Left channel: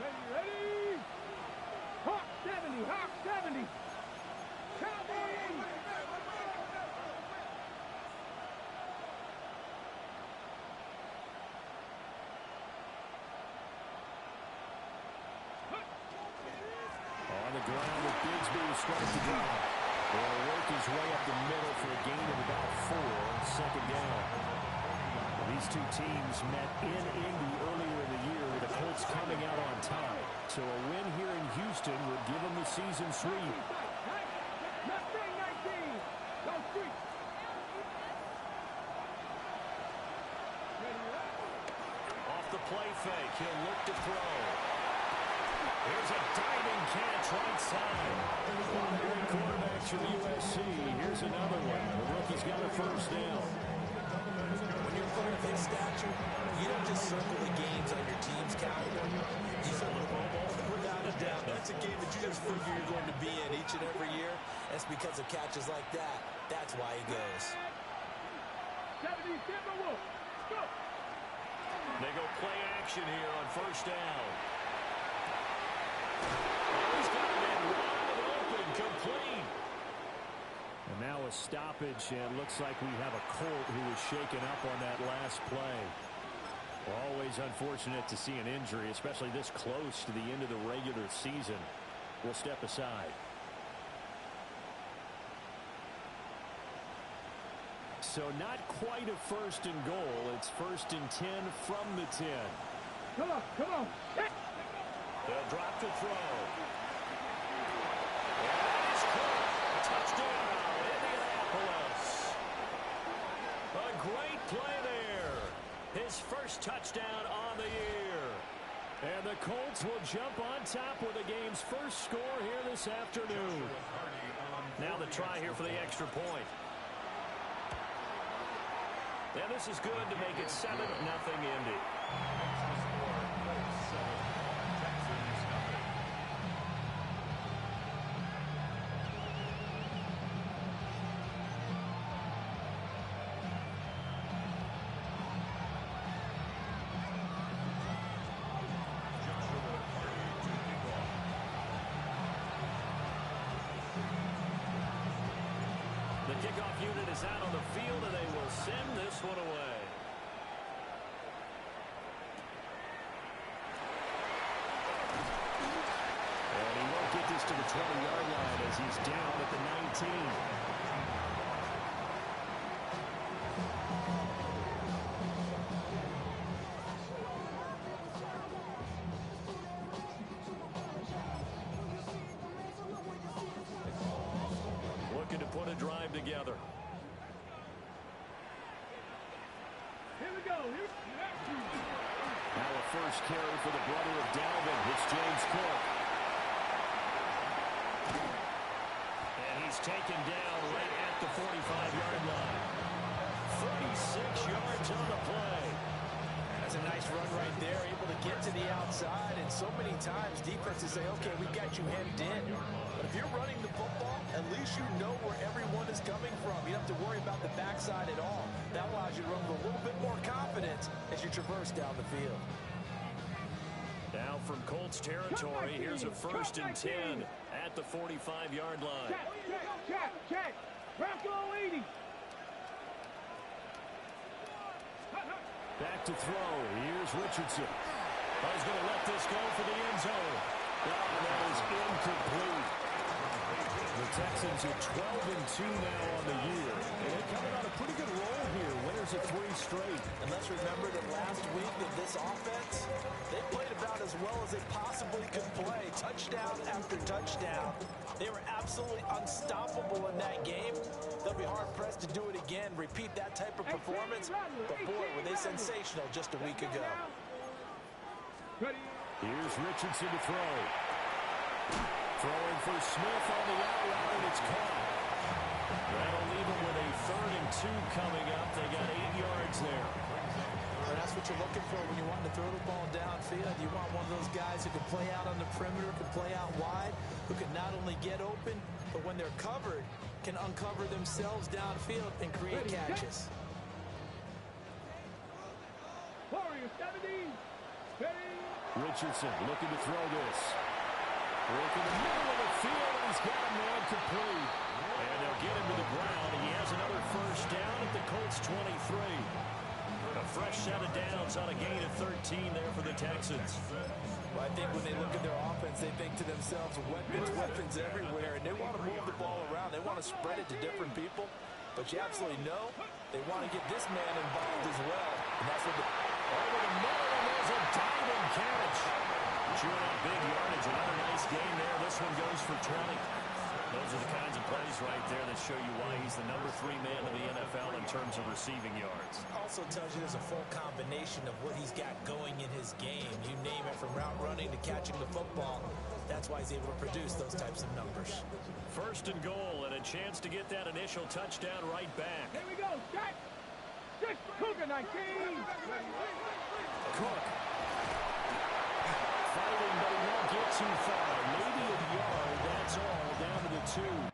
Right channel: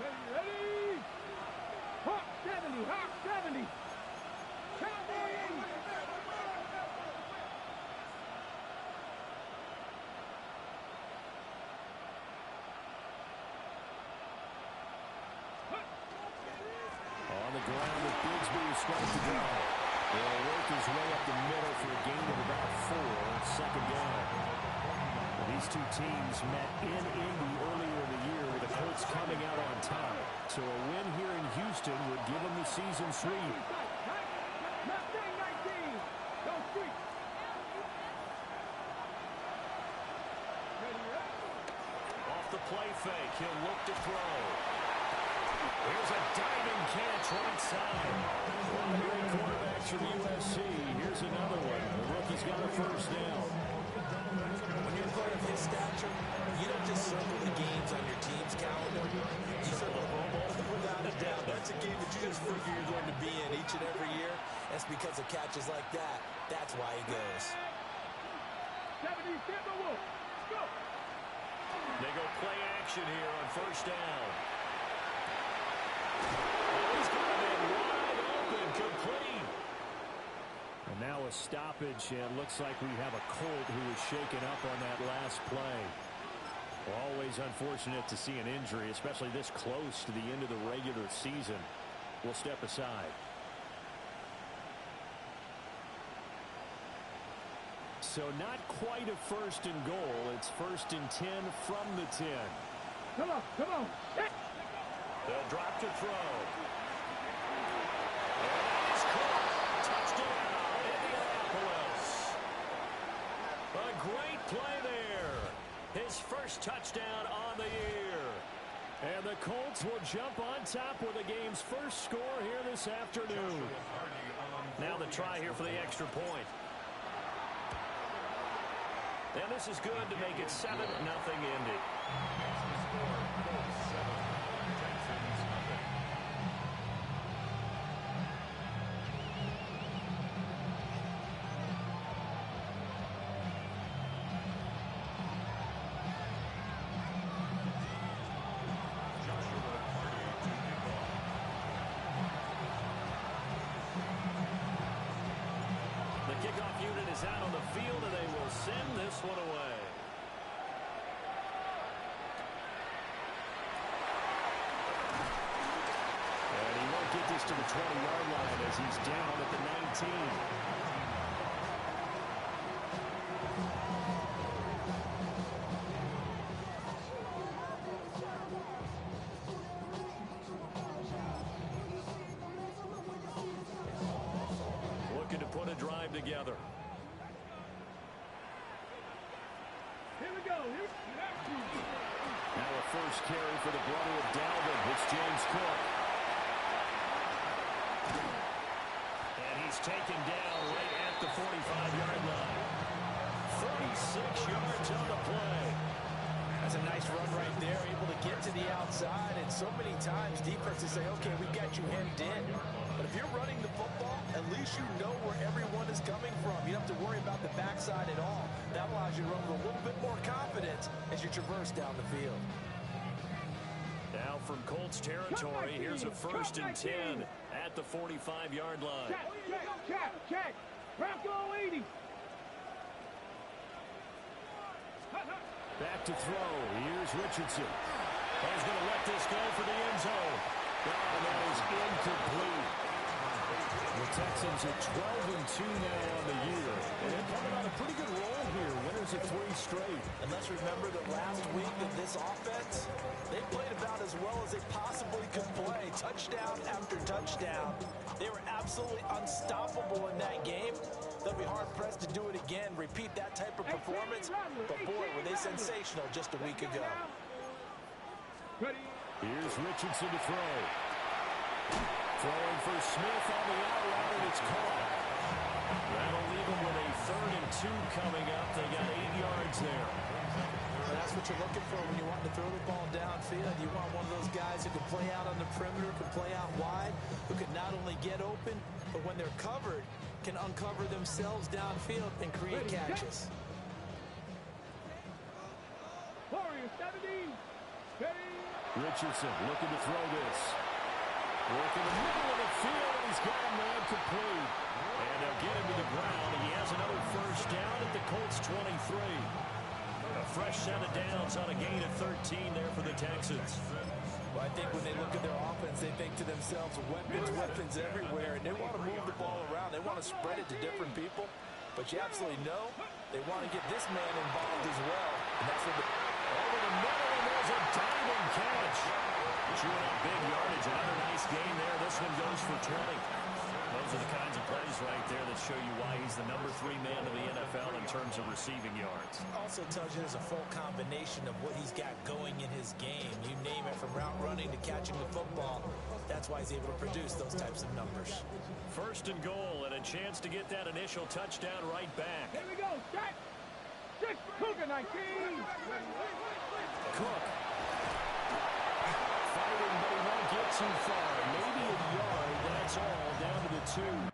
Ready? Hawk 70, Hawk 70. Cowboy 80. On the ground with Bigsby to start the drive. He'll work his way up the middle for a gain of about 4, second down. These two teams met in Indy earlier in the year with the Colts coming out on top. So a win here in Houston would give them the season sweep. Off the play fake, he'll look to throw. Here's a diving catch right side. One of the great quarterbacks from USC. Here's another one. The rookie's got a first down. When you're a player of his stature, you don't just circle the games on your team's calendar. You circle the Pro Bowl. Without a doubt, that's a game that you just figure you're going to be in each and every year. That's because of catches like that. That's why he goes. 70, Timberwolves. Go. They go play action here on first down. Oh, he's got a man wide open, complete. And now a stoppage, and looks like we have a Colt who was shaken up on that last play. Always unfortunate to see an injury, especially this close to the end of the regular season. We'll step aside. So not quite a first and goal. It's 1st and 10 from the 10. Come on. They'll drop to throw. And that is caught. Touchdown, Indianapolis. A great play there. His first touchdown on the year. And the Colts will jump on top with the game's first score here this afternoon. Now the try here for the extra point. And this is good to make it 7-0 Indy. The kickoff unit is out on the field, and they will send this one away. And he won't get this to the 20-yard line as he's down at the 19. Looking to put a drive together. Here we go. Now a first carry for the brother of Dalvin. It's James Cook. And he's taken down right at the 45-yard line. 36 yards on the play. That's a nice run right there, able to get to the outside. And so many times defenses say, okay, we got you hemmed in. But if you're running the football, at least you know where everyone is coming from. You don't have to worry about the backside at all. That allows you to run with a little bit more confidence as you traverse down the field. Now from Colts territory, here's a 1st and 10 at the 45-yard line. Check. Bronco 80. Back to throw. Here's Richardson. Oh, he's going to let this go for the end zone. Oh, that is incomplete. The Texans are 12-2 now on the year. And they're coming on a pretty good roll here. Winners of 3 straight. And let's remember that last week that this offense, they played about as well as they possibly could play. Touchdown after touchdown. They were absolutely unstoppable in that game. They'll be hard-pressed to do it again, repeat that type of performance. But boy, were they sensational just a week ago. Here's Richardson to throw. Throwing for Smith on the out route, and it's caught. That'll leave them with a 3rd and 2 coming up. They got 8 yards there. And that's what you're looking for when you want to throw the ball downfield. You want one of those guys who can play out on the perimeter, can play out wide, who can not only get open, but when they're covered, can uncover themselves downfield and create catches. Warrior 70. Ready. Richardson looking to throw this. Work in the middle of the field, and he's got a man complete. And they'll get him to the ground. He has another first down at the Colts 23. A fresh set of downs on a gain of 13 there for the Texans. Well, I think when they look at their offense, they think to themselves, weapons everywhere, and they want to move the ball around. They want to spread it to different people. But you absolutely know they want to get this man involved as well. And that's what over the middle, and there's a diving catch. Chewing up big yardage. Another nice gain there. This one goes for 20. Those are the kinds of plays right there that show you why he's the number 3 man in the NFL in terms of receiving yards. Also tells you there's a full combination of what he's got going in his game. You name it, from route running to catching the football. That's why he's able to produce those types of numbers. First and goal, and a chance to get that initial touchdown right back. Here we go. Set. 6 Cougar 19. Cook. Fighting, but he won't get too far. Maybe a yard, that's all, down to the 2.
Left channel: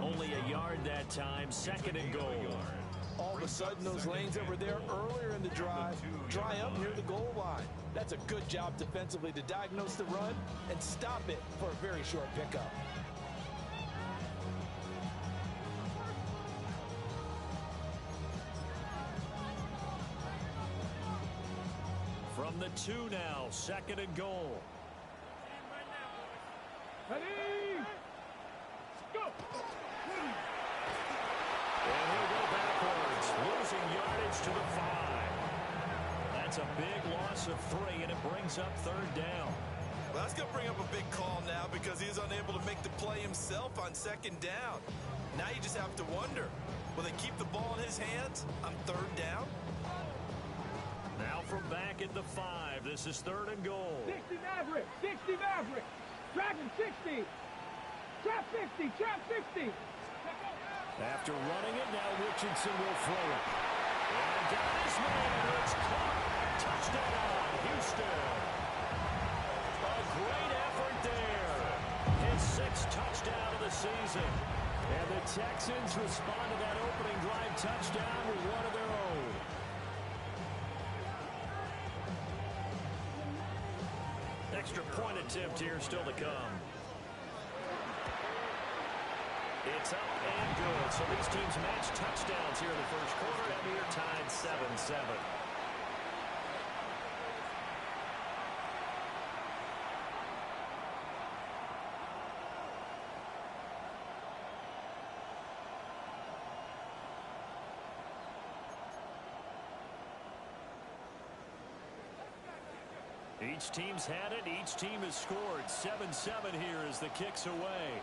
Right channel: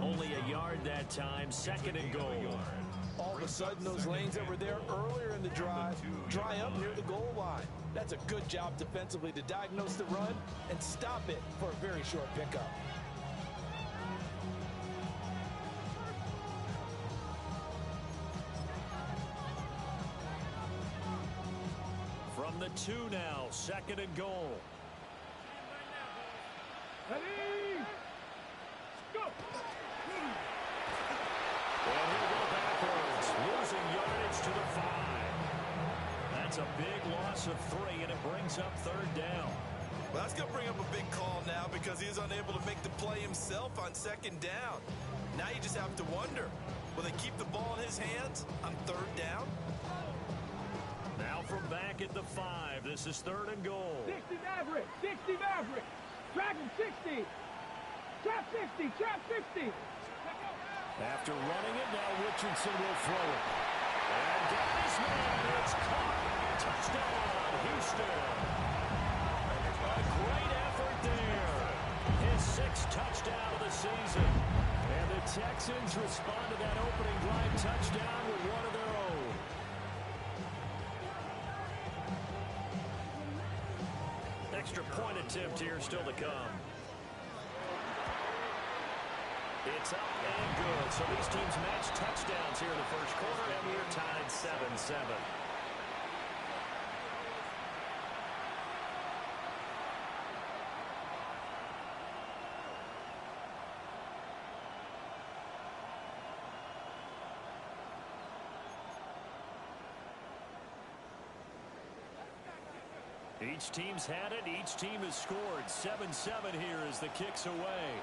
Only a yard that time, second and goal. All of a sudden, those lanes that were there earlier in the drive dry up near the goal line. That's a good job defensively to diagnose the run and stop it for a very short pickup. From the 2 now, second and goal. Ready? Go! And he'll go backwards, losing yardage to the 5. That's a big loss of 3, and it brings up third down. Well, that's going to bring up a big call now because he's unable to make the play himself on second down. Now you just have to wonder, will they keep the ball in his hands on third down? Now from back at the 5, this is third and goal. 60 Maverick, 60 Maverick. Dragon 60. Trap 50, trap 50. After running it, now Richardson will throw it. And got his man, and it's caught. Touchdown, Houston. A great effort there. His 6th touchdown of the season. And the Texans respond to that opening drive touchdown with one of their own. Extra point attempt here still to come. It's up and good. So these teams match touchdowns here in the first quarter, and we are tied 7-7. Each team's had it. Each team has scored. 7-7 here as the kick's away.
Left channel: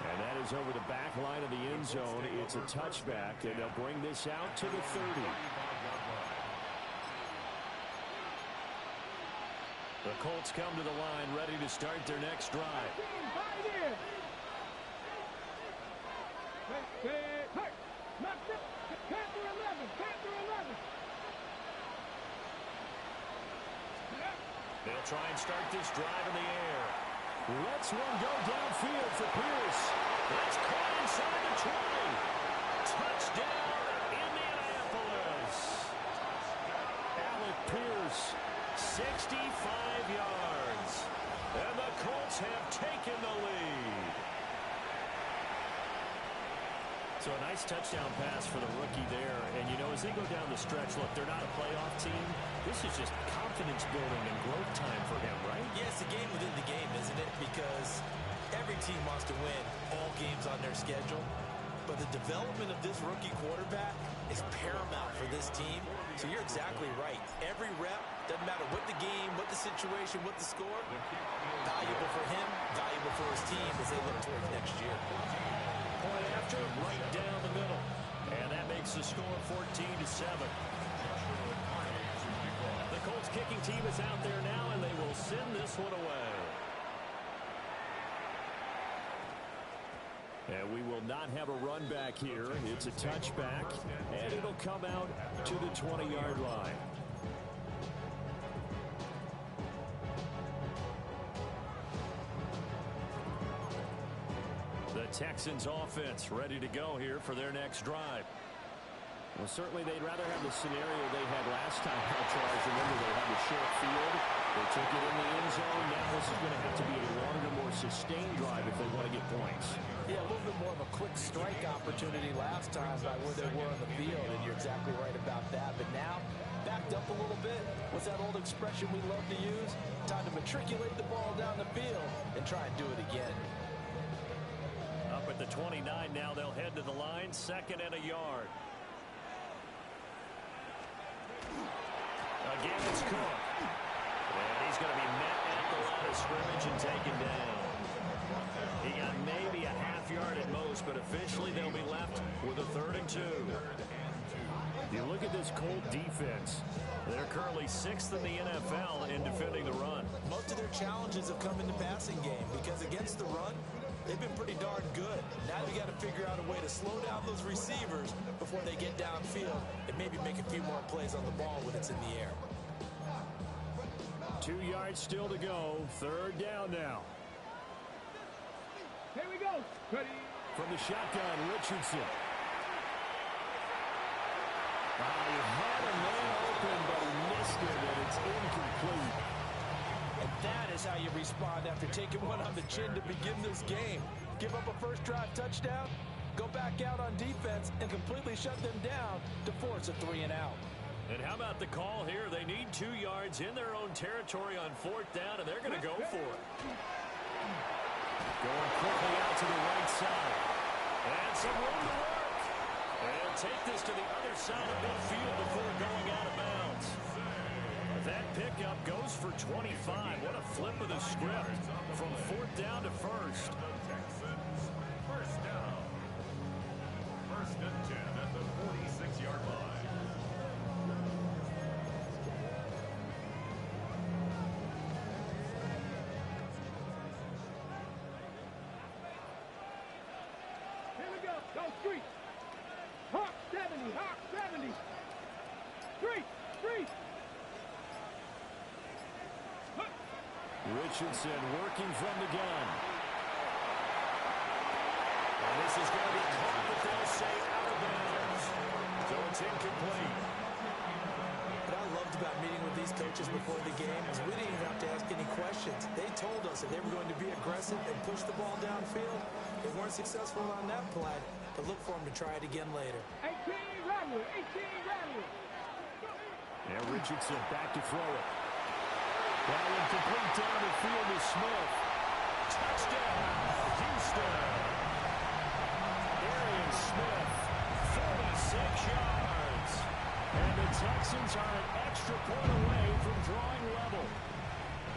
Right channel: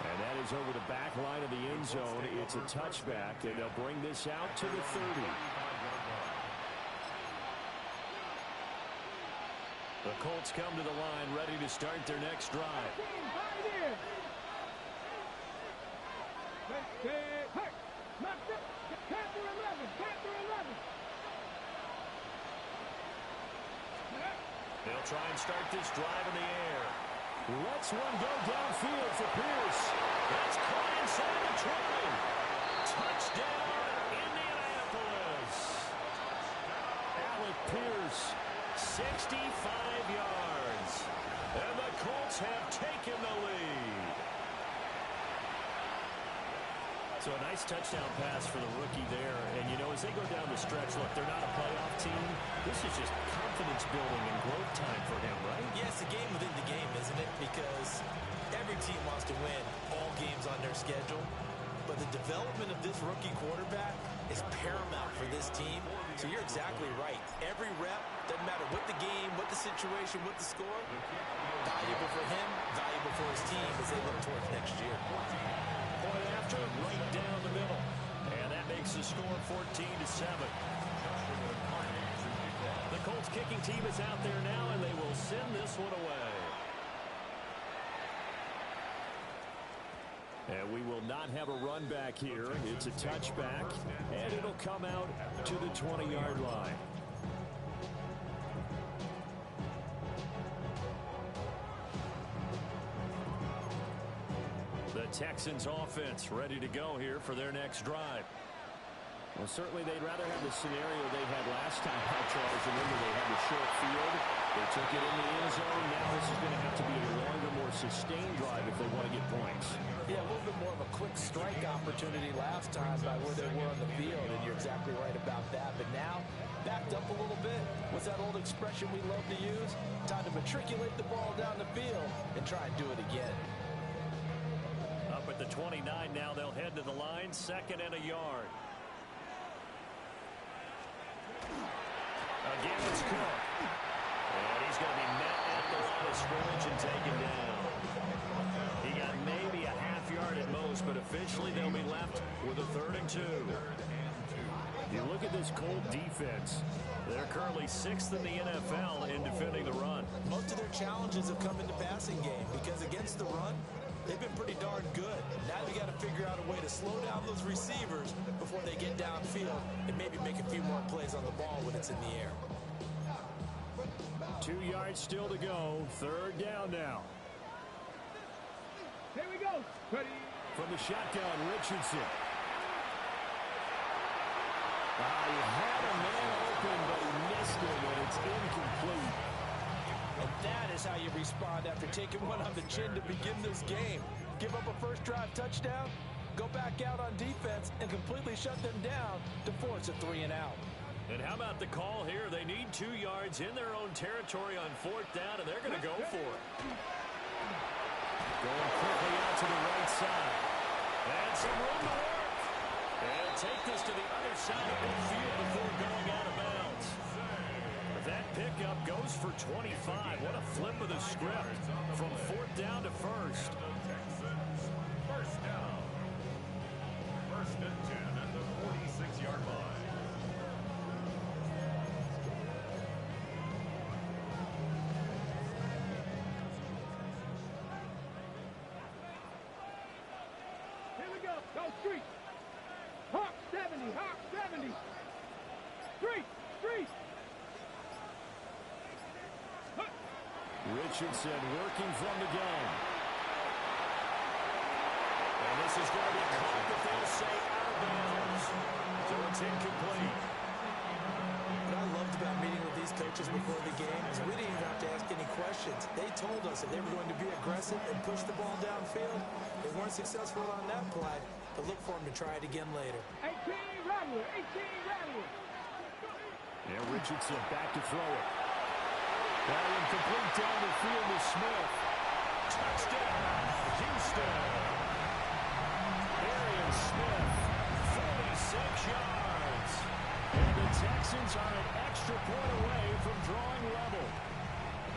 And that is over the back line of the end zone. It's a touchback, and they'll bring this out to the 30. The Colts come to the line, ready to start their next drive. Panther 11, Panther 11. They'll try and start this drive in the air. Let's one go downfield for Pierce. That's caught inside the 20. Touchdown, Indianapolis. Alec Pierce, 65 yards. And the Colts have taken the lead. So a nice touchdown pass for the rookie there. And, you know, as they go down the stretch, look, they're not a playoff team. This is just confidence building and growth time for him, right? Yeah, it's a game within the game, isn't it? Because every team wants to win all games on their schedule. But the development of this rookie quarterback is paramount for this team. So you're exactly right. Every rep, doesn't matter what the game, what the situation, what the score, valuable for him, valuable for his team as they look towards next year. Point after, right down the middle. And that makes the score 14-7. The Colts kicking team is out there now, and they will send this one away. And we will not have a run back here. It's a touchback, and it'll come out to the 20-yard line. The Texans offense ready to go here for their next drive. Well, certainly they'd rather have the scenario they had last time out, Charles. Remember, they had the short field. They took it in the end zone. Now this is going to have to be a longer, more sustained drive if they want to get points. Yeah, a little bit more of a quick strike opportunity last time by where they were on the field, and you're exactly right about that. But now, backed up a little bit. What's that old expression we love to use? Time to matriculate the ball down the field and try and do it again. Up at the 29 now, they'll head to the line, 2nd and a yard. Again, it's Cook. And he's going to be met at the line of scrimmage and taken down. He got maybe a half yard at most, but officially they'll be left with a 3rd and 2. You look at this Colt defense. They're currently 6th in the NFL in defending the run. Most of their challenges have come in the passing game because against the run, they've been pretty darn good. Now you got to figure out a way to slow down those receivers before they get downfield and maybe make a few more plays on the ball when it's in the air. 2 yards still to go. 3rd down now. Here we go. Ready. From the shotgun, Richardson. He had a man open, but he missed it, and it's incomplete. And that is how you respond after taking one on the chin to begin this game. Give up a first drive touchdown, go back out on defense, and completely shut them down to force a 3-and-out. And how about the call here? They need 2 yards in their own territory on 4th down, and they're going to go for it. Going quickly out to the right side. And some room to work. And take this to the other side of midfield before going out of bounds. That pickup goes for 25. What a flip of the script from 4th down to 1st. First down. 1st and 10 at the 46-yard line. Go street. Hawk 70. Hawk 70. Street. Street. Hut. Richardson working from the gun. And this is going to be caught, but they'll say out of bounds. So it's incomplete. What I loved about meeting with these coaches before the game is we didn't even have to ask any questions. They told us that they were going to be aggressive and push the ball downfield. They weren't successful on that play, but look for them to try it again later. 18 Rattler. 18 Rattler. And Richardson back to throw it. Well, incomplete down the field to Smith. Touchdown, Houston. Arian Smith, 46 yards. And the Texans are an extra point away from drawing level.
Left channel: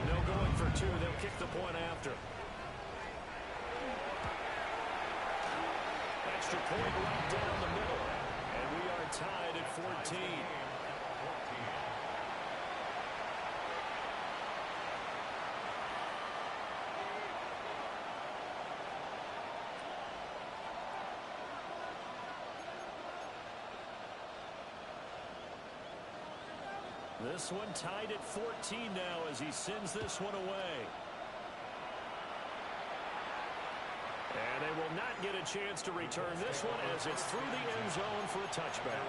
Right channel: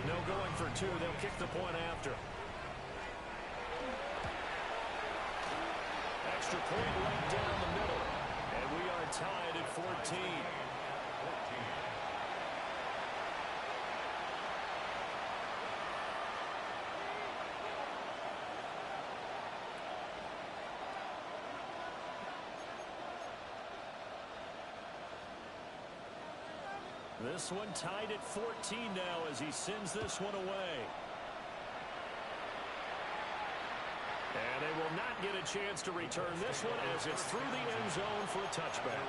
No going for two. They'll kick the point after. Extra point right down the middle. And we are tied at 14. This one tied at 14 now as he sends this one away. And they will not get a chance to return this one as it's through the end zone for a touchback.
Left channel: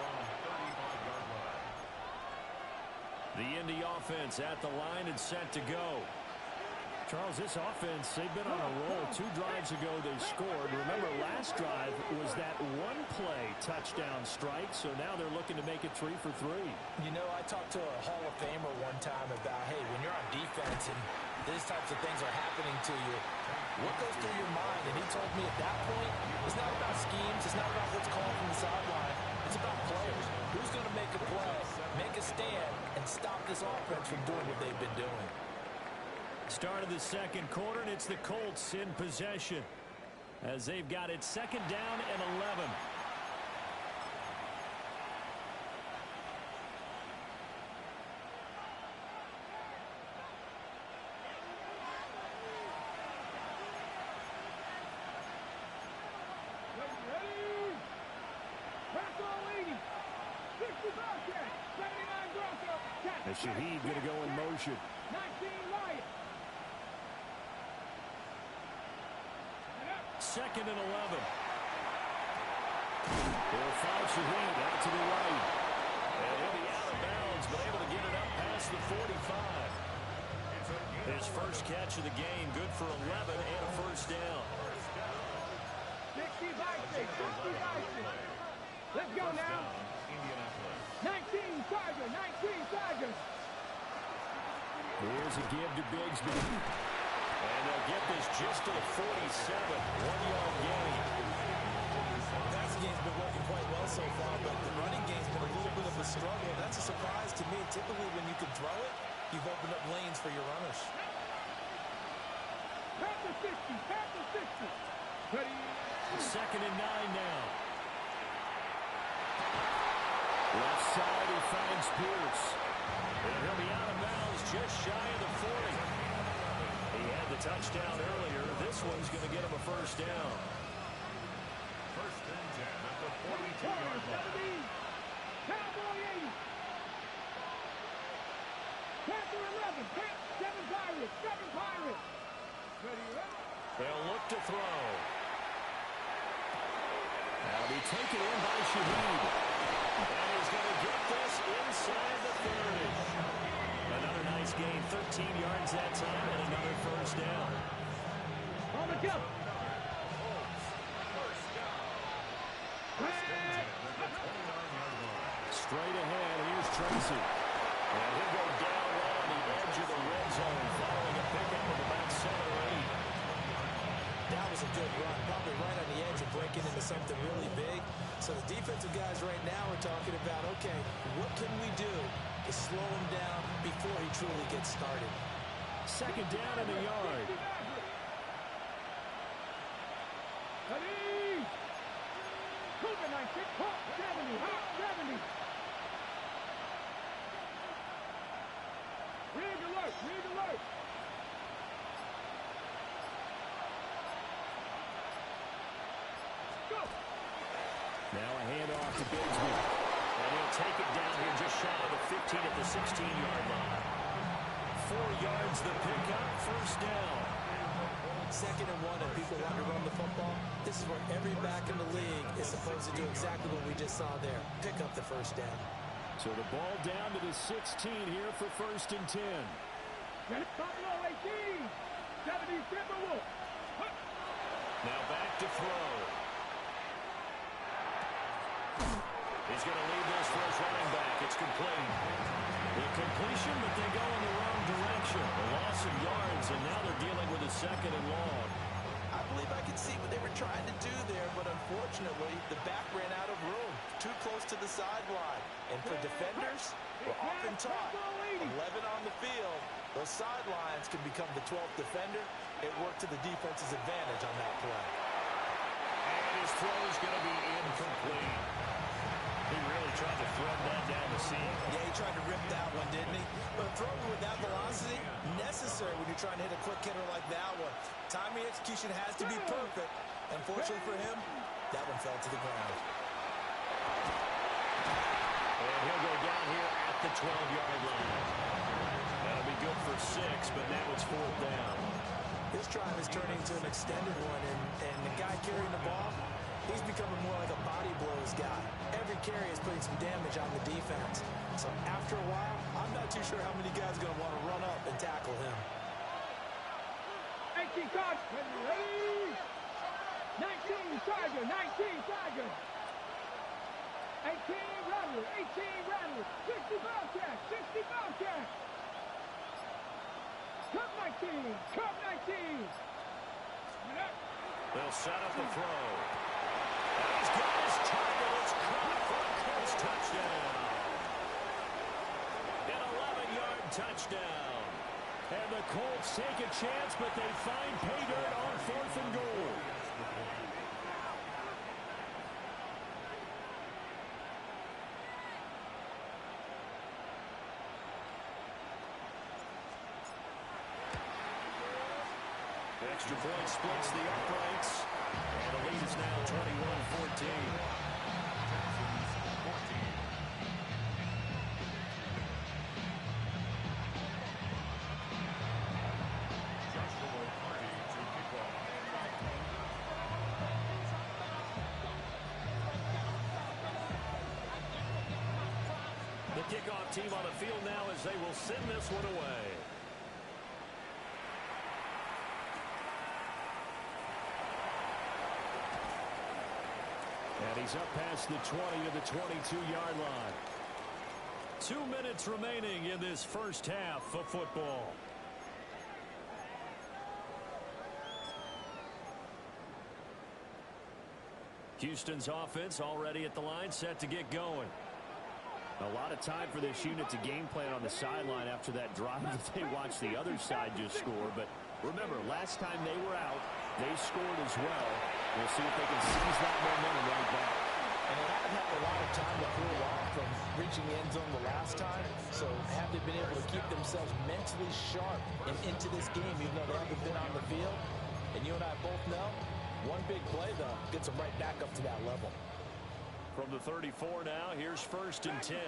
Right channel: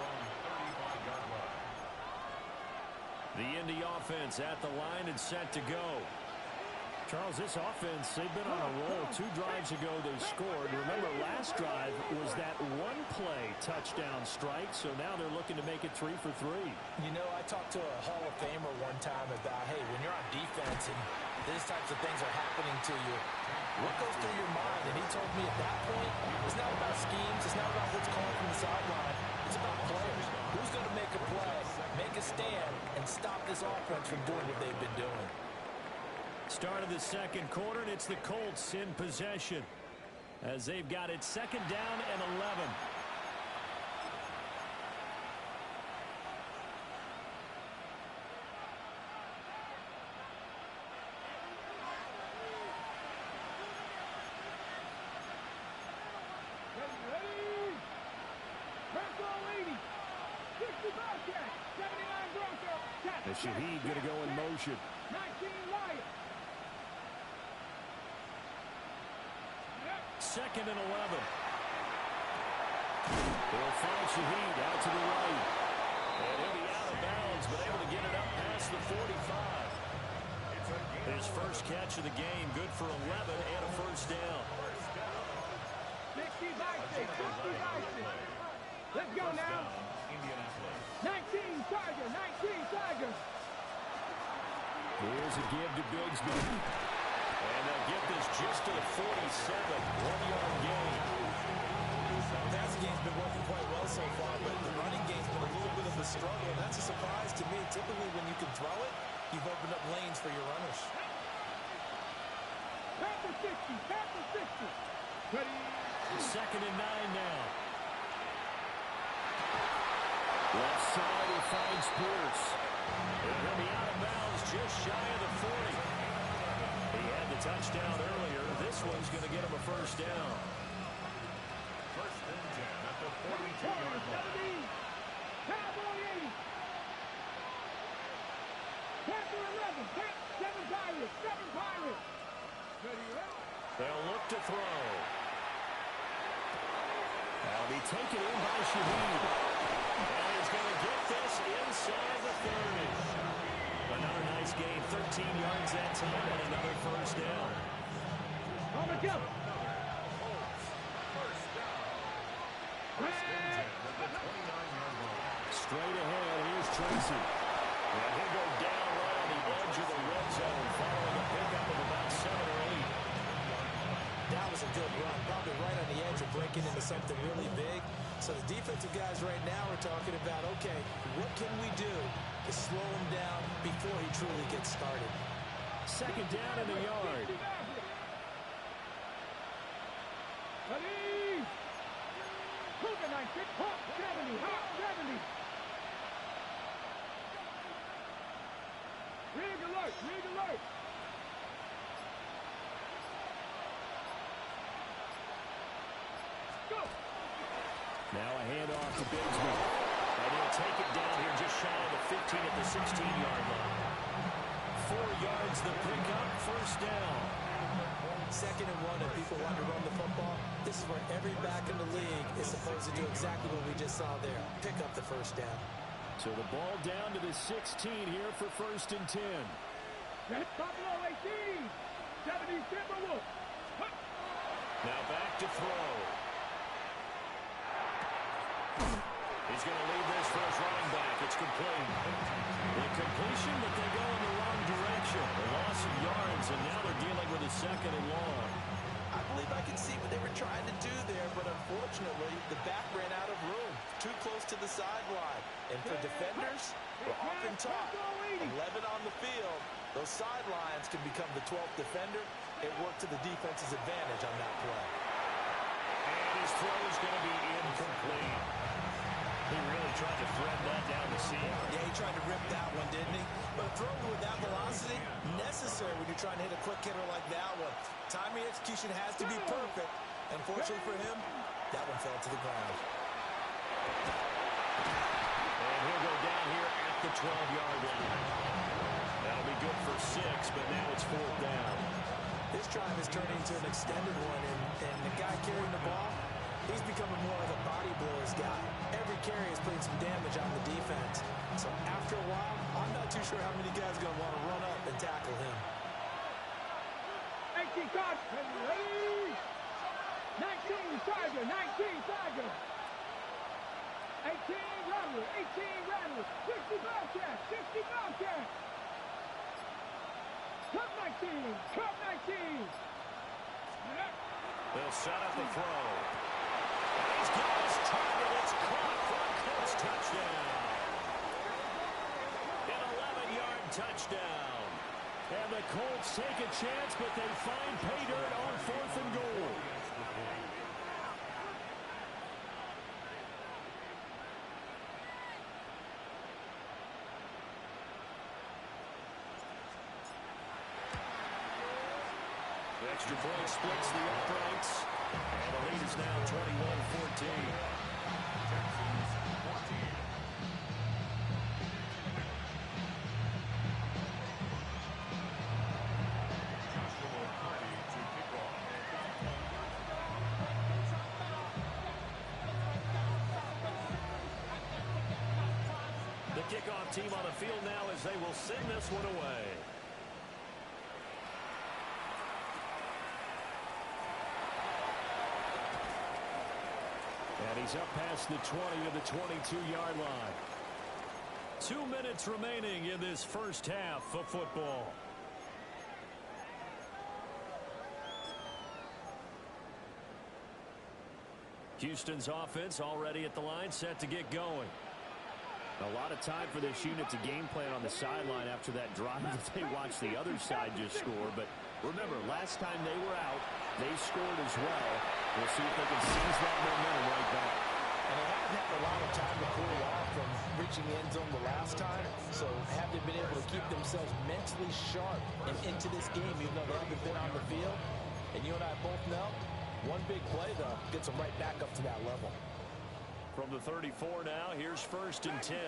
The Indy offense at the line and set to go. Charles, this offense, they've been on a roll. 2 drives ago they scored. Remember, last drive was that one-play touchdown strike, so now they're looking to make it 3 for 3. You know, I talked to a Hall of Famer one time about, hey, when you're on defense and these types of things are happening to you, what goes through your mind? And he told me at that point, it's not about schemes, it's not about what's called from the sideline, it's about players. Who's going to make a play, make a stand, and stop this offense from doing what they've been doing? Start of the second quarter, and it's the Colts in possession as they've got it 2nd down and 11. Ready. Bronco 80. 60 Bobcat. 79 Bronco. And Shaheed going to go in motion. 19 Lion. 2nd and 11. They'll find Shaheed out to the right. And he'll be out of bounds, but able to get it up past the 45. His first catch of the game, good for 11 and a first down. 60 Bison. 60 Bison. Let's go now. 19 Tiger. 19 Tiger. Here's a give to Bigsby. And they'll get this just to the 47. 1-yard gain. The passing game's been working quite well so far, but the running game's been a little bit of a struggle. That's a surprise to me. Typically, when you can throw it, you've opened up lanes for your runners. Panther 60. Panther 60. Ready. 2nd and 9 now. Left side, he finds Pierce. And he'll be out of bounds just shy of the 40. He had the touchdown earlier. This one's going to get him a first down. 1st and 10 at the 42-yard line. Cowboy 80. Panther 11. 7 Pirates. 7 Pirates. Ready. They'll look to throw. That'll be taken in by Shaheed. And he's going to get this inside the 30. Another nice gain, 13 yards that time, and another first down. On the jump. First down. 1st and 10 at the 29-yard line. Straight ahead, here's Tracy. And he'll go down right on the edge of the red zone following a pickup of about 7 or 8. That was a good run, probably right on the edge of breaking into something really big. So the defensive guys right now are talking about, okay, what can we do to slow him down before he truly gets started? 2nd down in the yard. Ready. Cougar 96. Hawk 70. Hawk 70. Rig alert. Rig alert. Go. Now a handoff to Bigsby. And he'll take it down here just shy of the 15 at the 16-yard line. 4 yards the pickup, first down. 2nd and 1, and people want to run the football. This is where every back in the league is supposed to do exactly what we just saw there. Pick up the first down. So the ball down to the 16 here for 1st and 10. Buffalo 18. 70 Timberwolves. Now back to throw. He's going to leave this for his running back. It's complete. The completion, but they go in the wrong direction. A loss of yards, and now they're dealing with a 2nd and long. I believe I can see what they were trying to do there, but unfortunately, the back ran out of room. Too close to the sideline. And for defenders, we're often taught 11 on the field. Those sidelines can become the 12th defender. It worked to the defense's advantage on that play. And his throw is going to be incomplete. He really tried to thread that down the seam. Yeah, he tried to rip that one, didn't he? But a throw with that velocity, necessary when you're trying to hit a quick hitter like that one. Timing execution has to be perfect. Unfortunately for him, that one fell to the ground. And he'll go down here at the 12-yard line. That'll be good for 6, but now it's 4th down. This drive is turning into an extended one, and the guy carrying the ball, he's becoming more like a body blows guy. Every carry is putting some damage on the defense. So after a while, I'm not too sure how many guys are going to want to run up and tackle him. 18 cards. Ready? 19 Tiger. 19 Tiger. 18 Rattler. 18 Rattler. 60 Bobcat. 60 Bobcat. Cup 19. Cup 19. They'll set up the throw. And he's got his target. It's caught for a Colts touchdown. An 11-yard touchdown. And the Colts take a chance, but they find pay dirt on 4th and goal. The extra point splits the uprights. And the lead is now 21-14. Texans 14. Joshua Hardy to kick off. The kickoff team on the field now as they will send this one away. And he's up past the 20 to the 22-yard line. 2 minutes remaining in this first half of football. Houston's offense already at the line, set to get going. A lot of time for this unit to game plan on the sideline after that drive that they watched the other side just score. But remember, last time they were out, they scored as well. We'll see if they can seize that momentum right back. And they haven't had a lot of time to cool off from reaching the end zone the last time. So have they been able to keep themselves mentally sharp and into this game, even though they haven't been on the field? And you and I both know, one big play, though, gets them right back up to that level. From the 34 now, here's 1st and 10.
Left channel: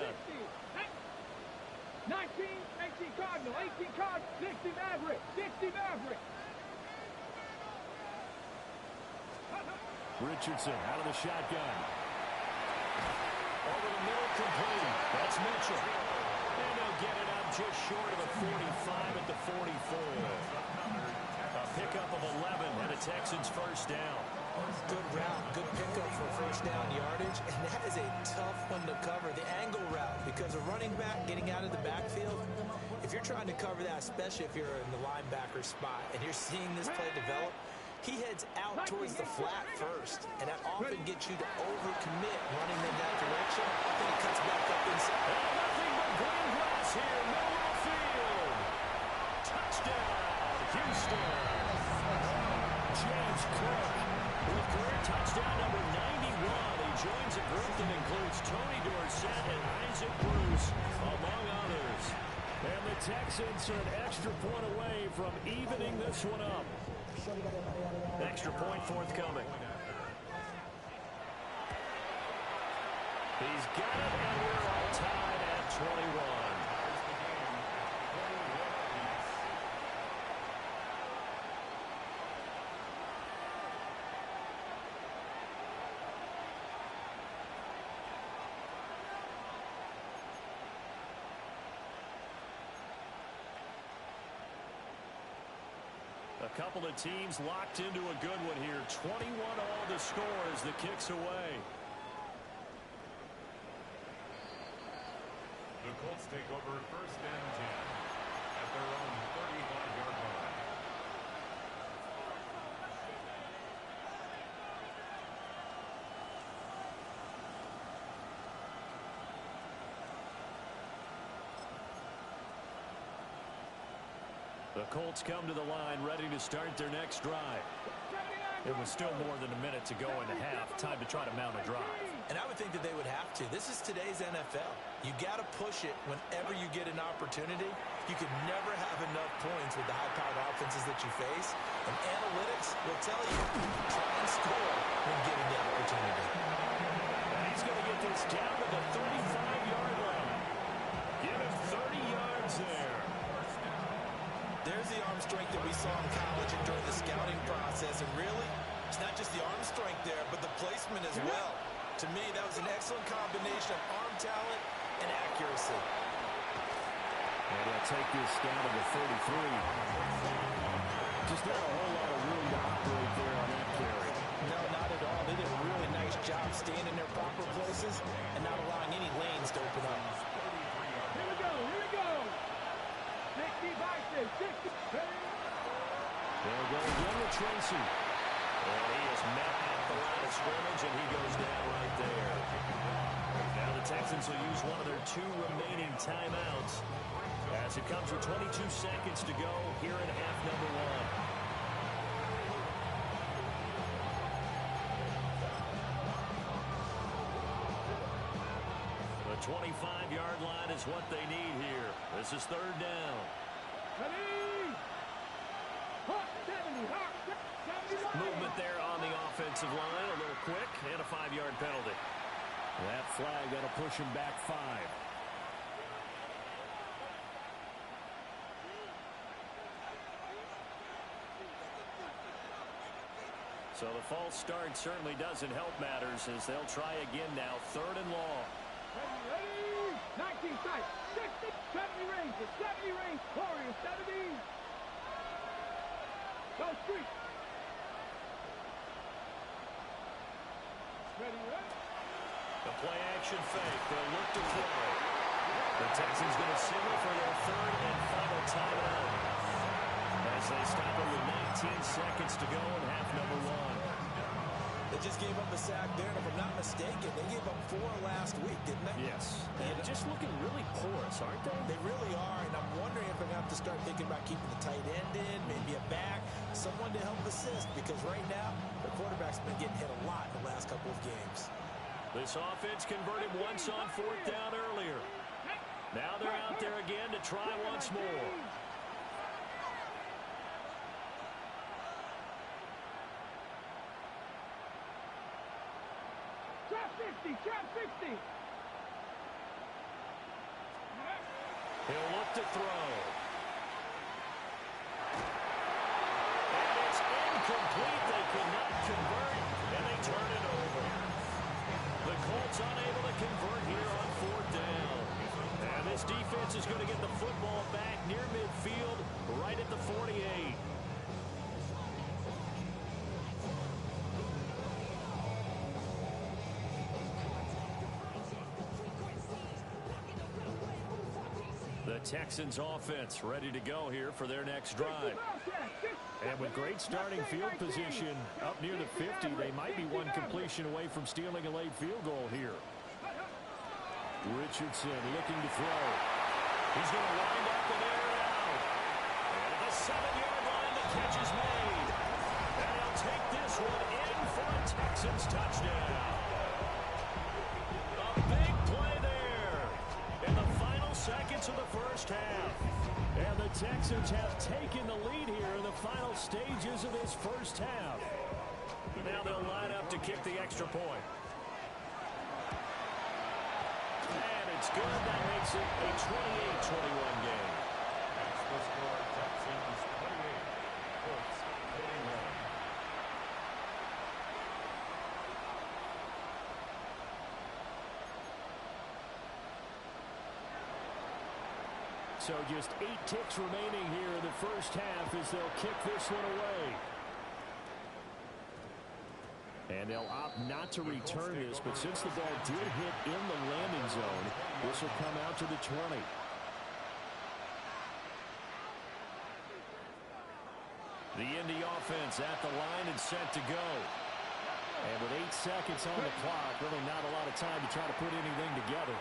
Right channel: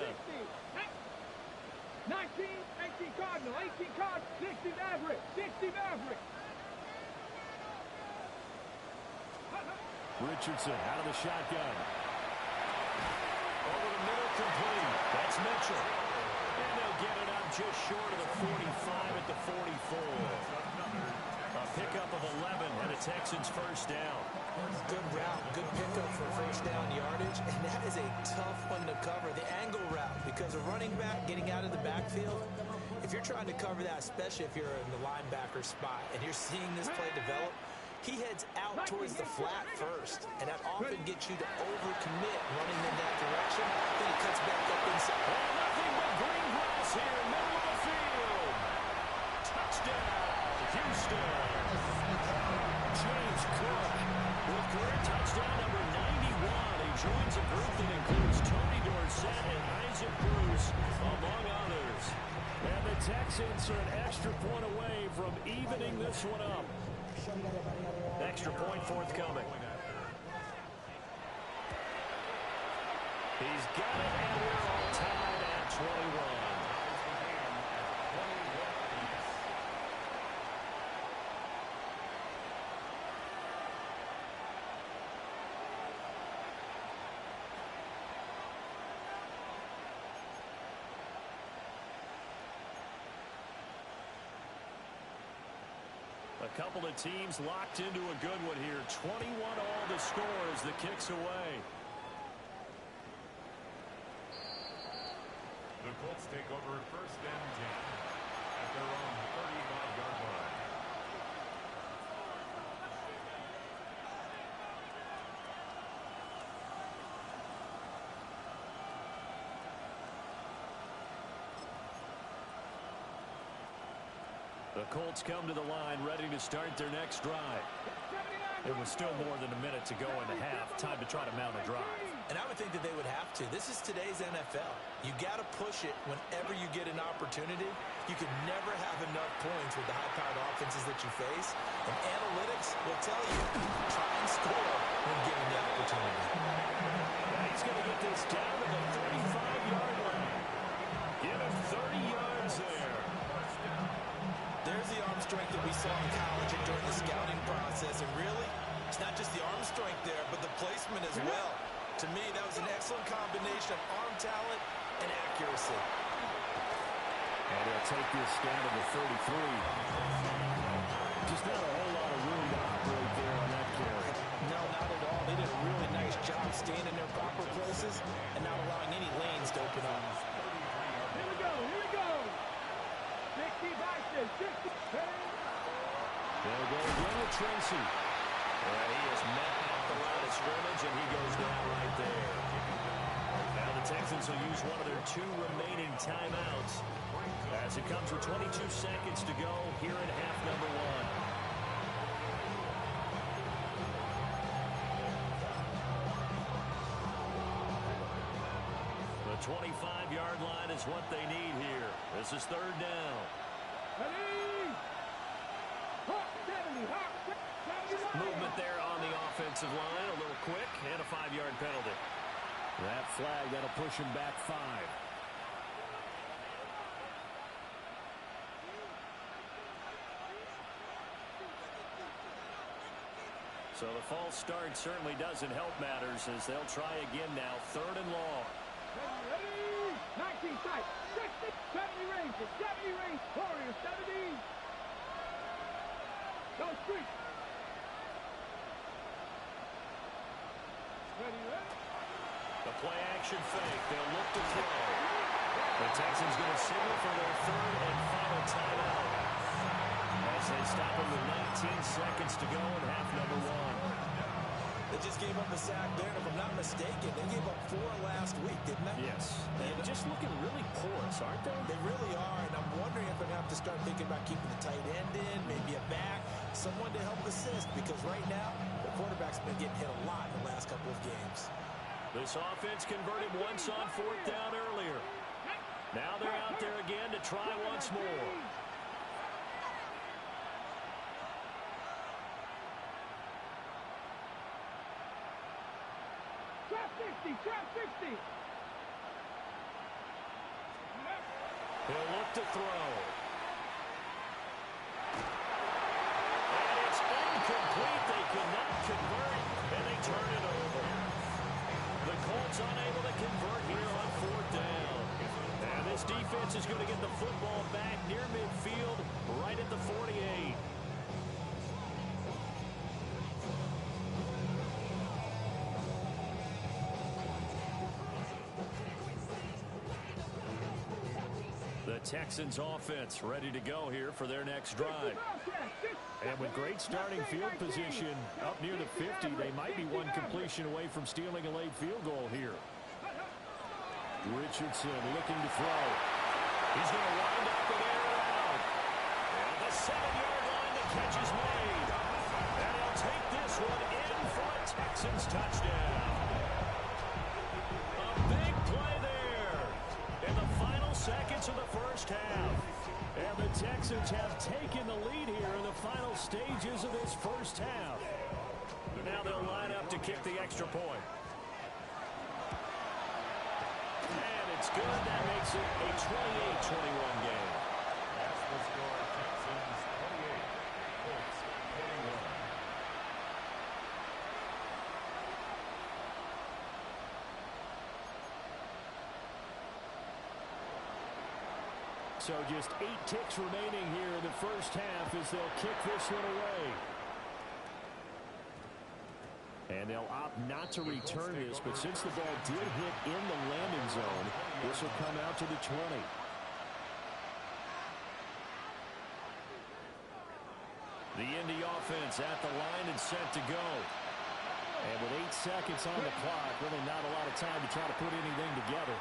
19, 18 Cardinal, 18 Cardinal, 60 Maverick, 60 Maverick. Richardson out of the shotgun. Over the middle, complete. That's Mitchell. And they'll get it up just short of the 45 at the 44. A pickup of 11 and a Texans first down. Good route, good pickup for first down yardage, and that is a tough one to cover, the angle route, because a running back getting out of the backfield, if you're trying to cover that, especially if you're in the linebacker spot and you're seeing this play develop, he heads out towards the flat first, and that often gets you to overcommit running in that direction. Then he cuts back up inside. And nothing but green grass here, middle of the field. Touchdown, Houston. James Cook with career touchdown number 91. He joins a group that includes Tony Dorsett and Isaac Bruce, among others. And the Texans are an extra point away from evening this one up. Extra point forthcoming. He's got it, and we're all tied at 21. Ties the game at 21 apiece. A couple of teams locked into a good one here. 21 all the score as the kick's away. The Colts take over first and 10 at their own 35-yard line. The Colts come to the line ready to start their next drive. It was still more than a minute to go in the half. Time to try to mount a drive. And I would think that they would have to. This is today's NFL. You got to push it whenever you get an opportunity. You can never have enough points with the high-powered offenses that you face. And analytics will tell you, try and score when given the opportunity. Now he's going to get this down to the 35-yard line. Give him 30 yards there. There's the arm strength that we saw in college and during the scouting process. And really, it's not just the arm strength there, but the placement as well. To me, that was an excellent combination of arm talent and accuracy. And he'll take this down to the 33. Just not a whole lot of room to operate there on that carry. No, not at all. They did a really nice job staying in their proper places and not allowing any lanes to open up. Here we go, here we go. 60 boxes, 60. They'll go again with Tracy. And he is met at the line of scrimmage, and he goes down right there. Now the Texans will use one of their 2 remaining timeouts as it comes with 22 seconds to go here in half number 1. The 25-yard line is what they need here. This is third down. Ready? Hawk 70, Hawk 70. Movement there on the offensive line. A little quick and a 5-yard penalty. That flag, that'll push him back 5. So the false start certainly doesn't help matters as they'll try again now. Third and long. Ready? 19 sight. 60, 70 range. 70 range. Warriors 70. Go street. Ready, ready? The play action fake. They'll look to throw. The Texans going to signal for their third and final timeout as they stop it with 19 seconds to go in half number 1. They just gave up a sack there, and if I'm not mistaken, they gave up 4 last week, didn't they? Yes. And just looking really porous, aren't they? They really are, and I'm wondering if they're going to have to start thinking about keeping the tight end in, maybe a back, someone to help assist, because right now, the quarterback's been getting hit a lot in the last couple of games. This offense converted once on 4th down earlier. Now they're out there again to try once more. Trap 60, trap 60. He'll look to throw. And it's incomplete. They cannot convert, and they turn it over. The Colts unable to convert here on 4th down. And this defense is going to get the football back near midfield, right at the 48. The Texans offense ready to go here for their next drive. And with great starting field position up near the 50, they might be one completion away from stealing a late field goal here. Richardson looking to throw. He's going to wind up and air it out. And at the 7-yard line, the catch is made. And he'll take this one in for a Texans touchdown. A big play there in the final seconds of the first half. And the Texans have taken the lead here in the final stages of this first half. Now they'll line up to kick the extra point. it's good. That makes it a 28-21 game. That's the score. Texans 28, Colts 21. So just 8 ticks remaining here in the first half as they'll kick this one away. And they'll opt not to return this, but since the ball did hit in the landing zone, this will come out to the 20. The Indy offense at the line and set to go. And with 8 seconds on the clock, really not a lot of time to try to put anything together.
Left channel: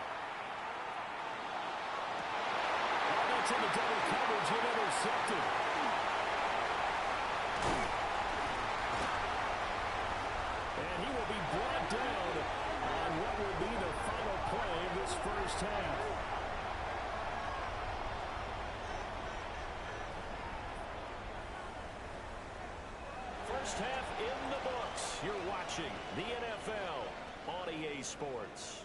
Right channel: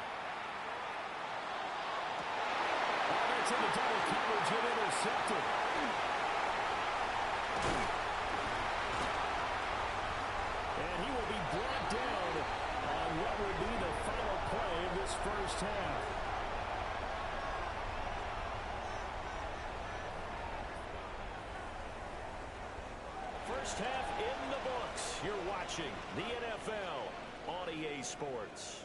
Oh, that's in the double coverage and intercepted. And he will be brought down on what will be the final play of this first half. First half in the books. You're watching the NFL on EA Sports.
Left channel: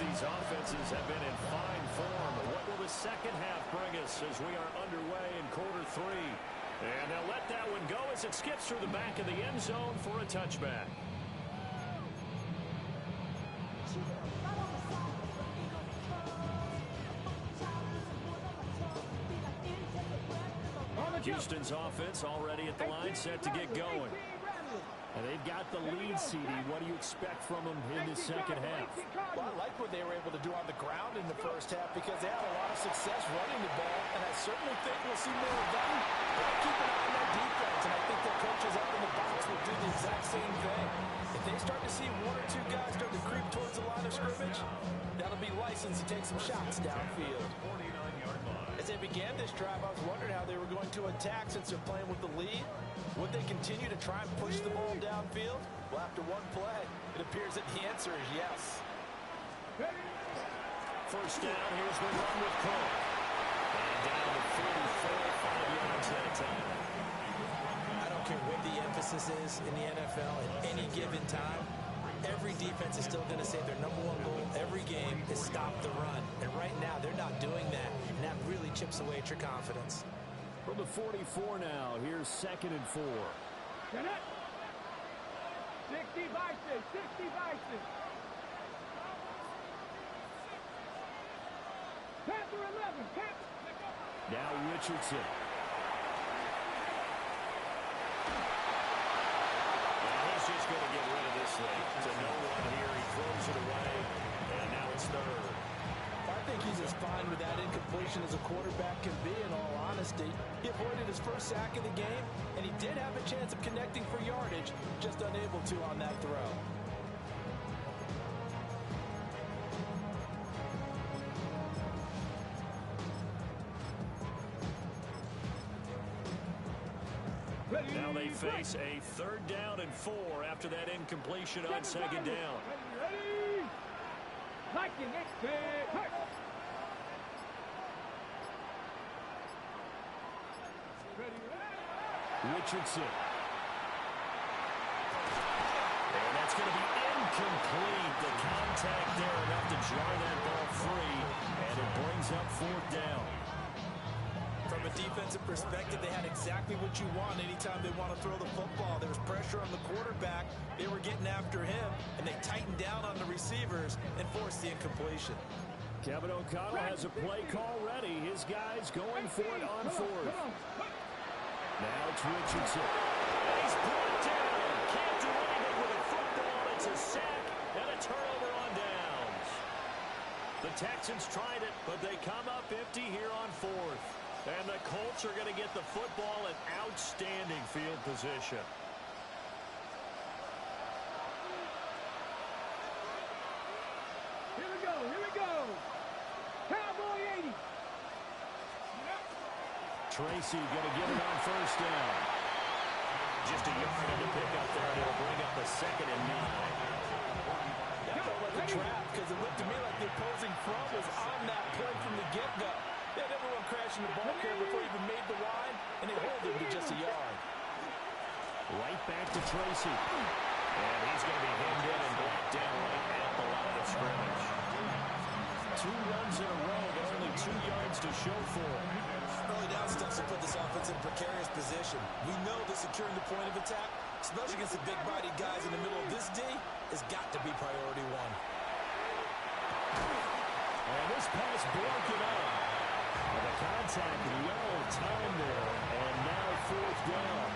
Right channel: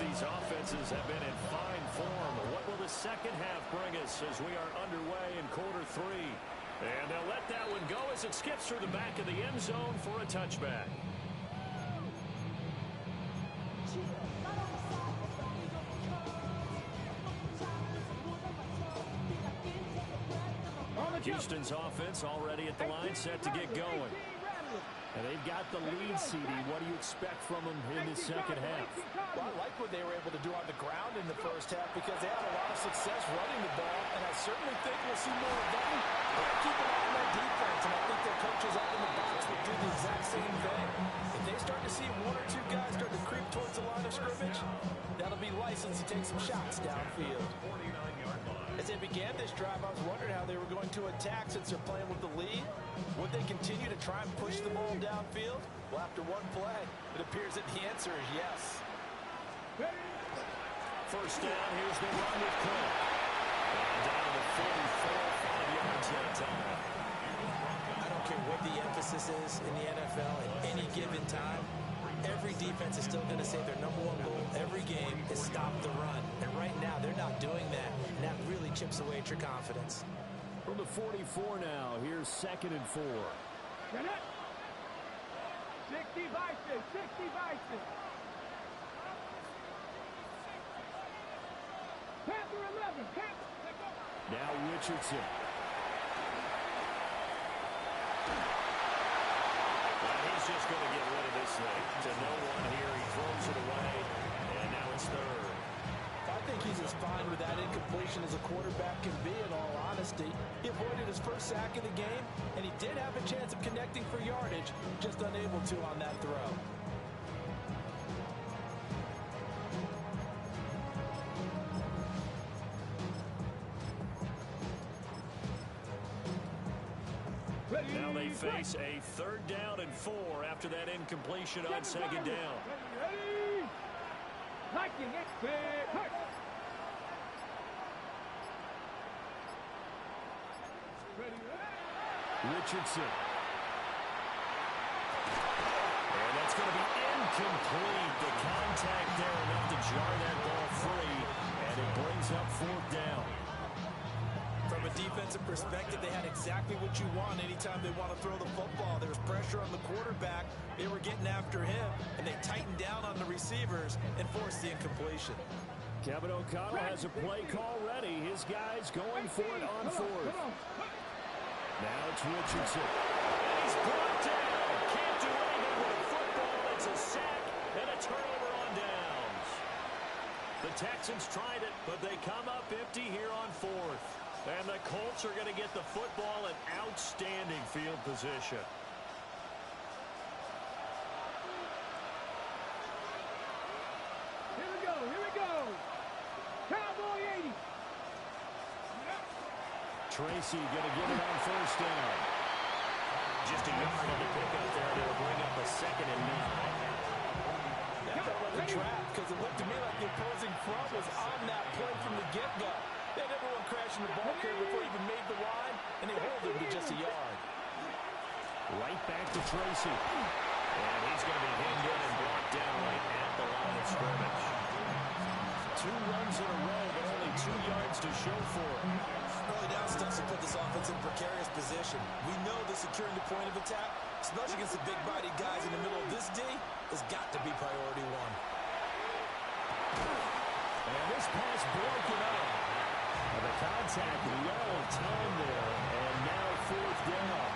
These offenses have been in fine form. What will the second half bring us as we are underway in quarter 3? And they'll let that one go as it skips through the back of the end zone for a touchback. Houston's offense already at the line, set to get going. And they've got the lead, CD. What do you expect from them in the second half? Well, I like what they were able to do on the ground in the first half because they had a lot of success running the ball, and I certainly think we'll see more of that. But I keep an eye on that defense, and I think their coaches up in the box will do the exact same thing. If they start to see 1 or 2 guys start to creep towards the line of scrimmage, that'll be license to take some shots downfield. 49-yard line. As they began this drive, I was wondering how they were going to attack since they're playing with the lead. Would they continue to try and push the ball downfield? Well, after one play, it appears that the answer is yes. First down, here's the run with Cook. And down to 44, 5 yards that time. I don't care what the emphasis is in the NFL at any given time. Every defense is still going to say their #1 goal every game is stop the run. And right now, they're not doing that, and that really chips away at your confidence. From the 44 now, here's 2nd and 4. 60 Vices, 60 Vices. Panther 11, Panther. Now Richardson. And he's just going to get rid of this thing. To no one here, he throws it away, and now it's 3rd. I think he's as fine with that incompletion as a quarterback can be, in all honesty. He avoided his first sack of the game, and he did have a chance of connecting for yardage, just unable to on that throw. Now they face a 3rd down and 4 after that incompletion on 2nd down. Ready? Liking it. Hurt. Richardson. And that's going to be incomplete. The contact there enough to jar that ball free, and it brings up 4th down. From a defensive perspective, they had exactly what you want anytime they want to throw the football. There was pressure on the quarterback. They were getting after him, and they tightened down on the receivers and forced the incompletion. Kevin O'Connell has a play call ready. His guys going for it on 4th. Now it's Richardson. And he's brought down. Can't do anything with a football. It's a sack and a turnover on downs. The Texans tried it, but they come up empty here on 4th. And the Colts are going to get the football in outstanding field position. Here we go. Cowboy 80. Tracy going to get it on first down. Just a yard on the pickup there, and it'll bring up a 2nd and 9. That felt like a trap because it looked to me like the opposing front was on that play from the get-go. They had everyone crashing the ball carrier before he even made the line, and they hold him to just a yard. Right back to Tracy. And he's going to be hemmed in and blocked down right at the line of scrimmage. 2 runs in a row, but only 2 yards to show for it. Early down stunts to put this offense in precarious position. We know that securing the point of attack, especially against the big-bodied guys in the middle of this D, has got to be priority 1. And this pass broken up. The contact well timed there, and now 4th down.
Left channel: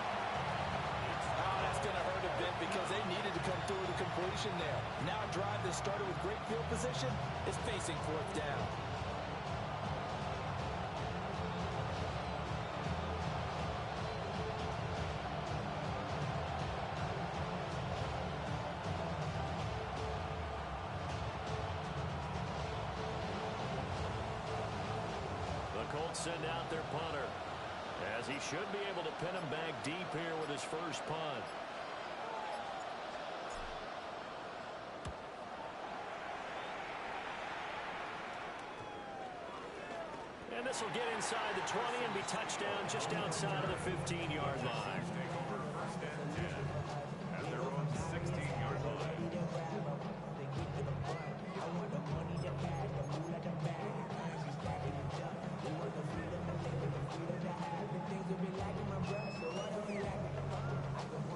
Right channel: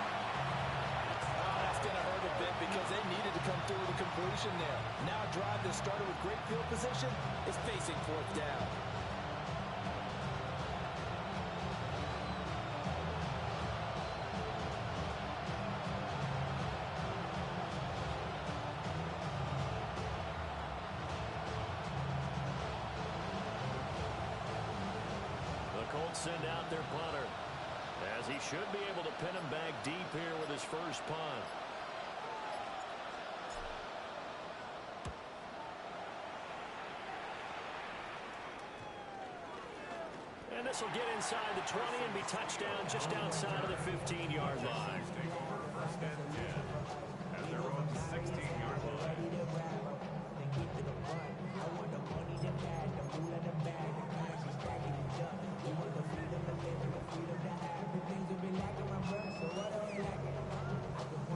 Oh, that's going to hurt a bit because they needed to come through with a completion there. Now a drive that started with great field position is facing 4th down. The Colts send out their punter, as he should be able to pin him back deep here with his first punt. And this will get inside the 20 and be touchdown just outside of the 15-yard line. Take over 1st and 10 at their own 16-yard line.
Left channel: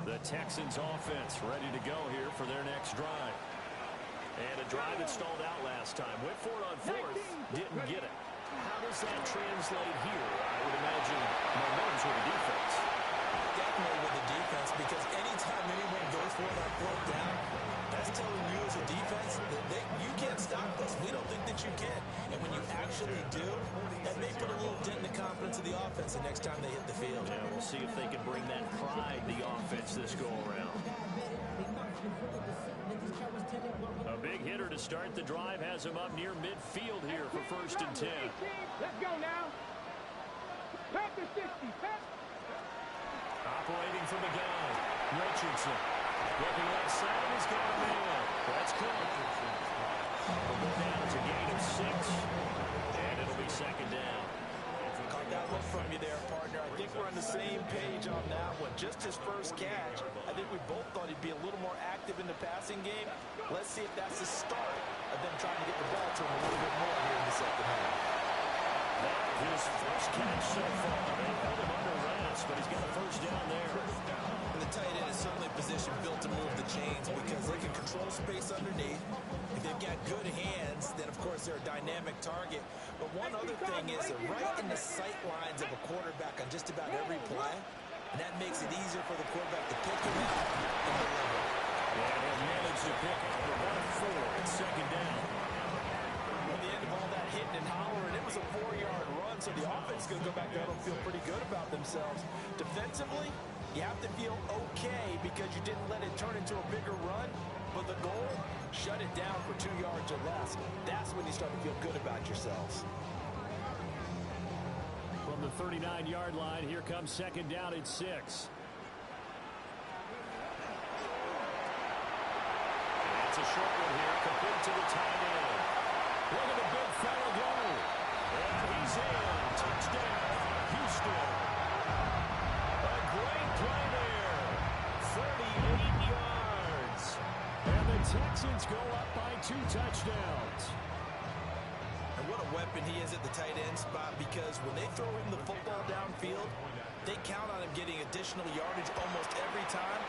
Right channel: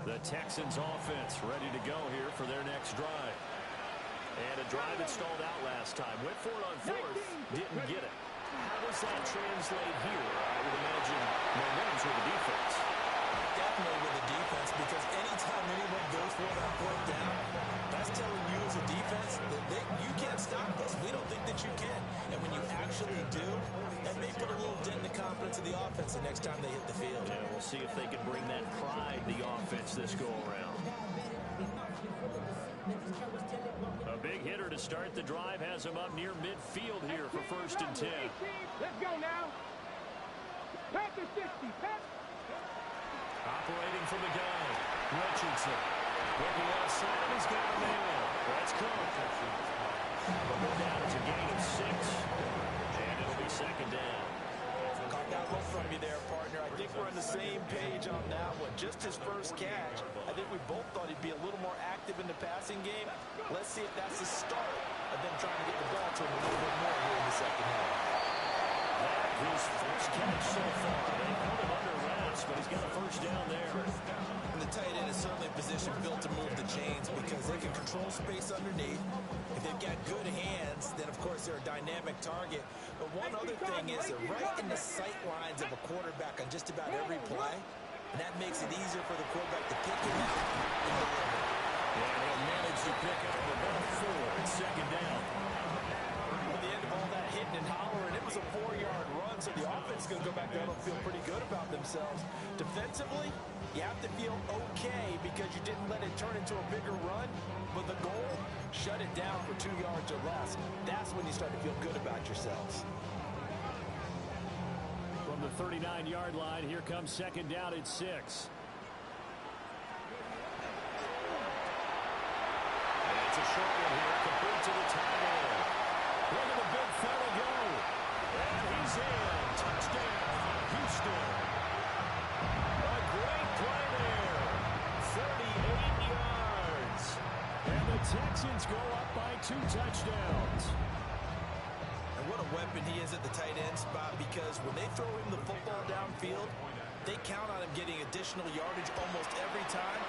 The Texans offense ready to go here for their next drive. And a drive that stalled out last time. Went for it on 4th, didn't get it. How does that translate here? I would imagine momentum's with the defense. Definitely with the defense, because anytime anyone goes for it on 4th down, that's telling you as a defense that you can't stop us. We don't think that you can. And when you actually do, that may put a little dent in the confidence of the offense the next time they hit the field. Yeah, we'll see if they can bring that pride to the offense this go-around. A big hitter to start the drive has him up near midfield here for 1st and 10. Let's go now. Pass to 60. Pass. Operating from the gun, Richardson. Looking left side, and he's got a man. That's Cook. Will go down as a gain of 6, and it'll be 2nd down. Caught that look from you there, partner. I think we're on the same page on that one. Just his first catch. I think we both thought he'd be a little more active in the passing game. Let's see if that's the start of them trying to get the ball to him a little bit more here in the 2nd half. That his first catch so far. They held him under wraps, but he's got a 1st down there. And the tight end is certainly a position built to move the chains because they can control space underneath. If they've got good hands, then of course they're a dynamic target. But one other thing is they're right in the sight lines of a quarterback on just about every play. And that makes it easier for the quarterback to pick him out and deliver. And he'll manage to pick up about 4. It's 2nd down. At the end of all that hitting and hollering, it was a 4-yard run, so the offense is going to go back down and feel pretty good about themselves. Defensively, you have to feel okay because you didn't let it turn into a bigger run, but the goal, shut it down for 2 yards or less. That's when you start to feel good about yourselves. From the 39-yard line, here comes 2nd down at 6. It's a short one here, complete to the tight end. Look at the big fella go. And he's in. Touchdown, Houston. A great play there. 38 yards. And the Texans go up by 2 touchdowns. And what a weapon he is at the tight end spot, because when they throw him the football downfield, they count on him getting additional yardage almost every time.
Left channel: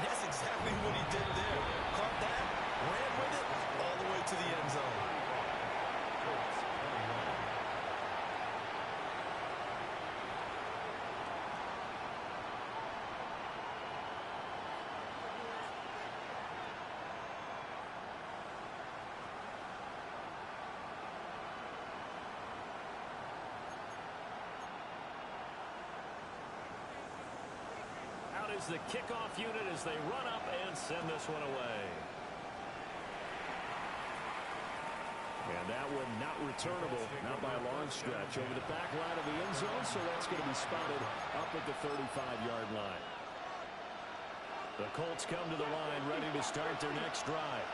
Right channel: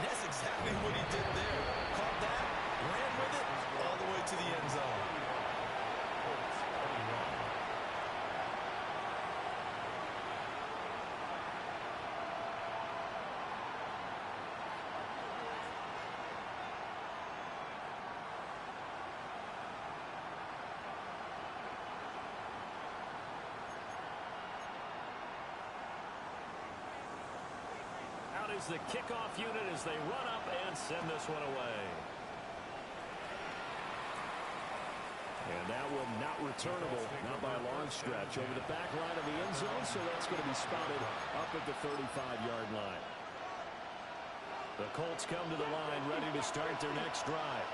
And that's exactly what he did there. Caught that, ran with it, all the way to the end zone. Out is the kickoff unit as they run up and send this one away. And that one not returnable, not by a long stretch, over the back line of the end zone, so that's going to be spotted up at the 35-yard line. The Colts come to the line, ready to start their next drive.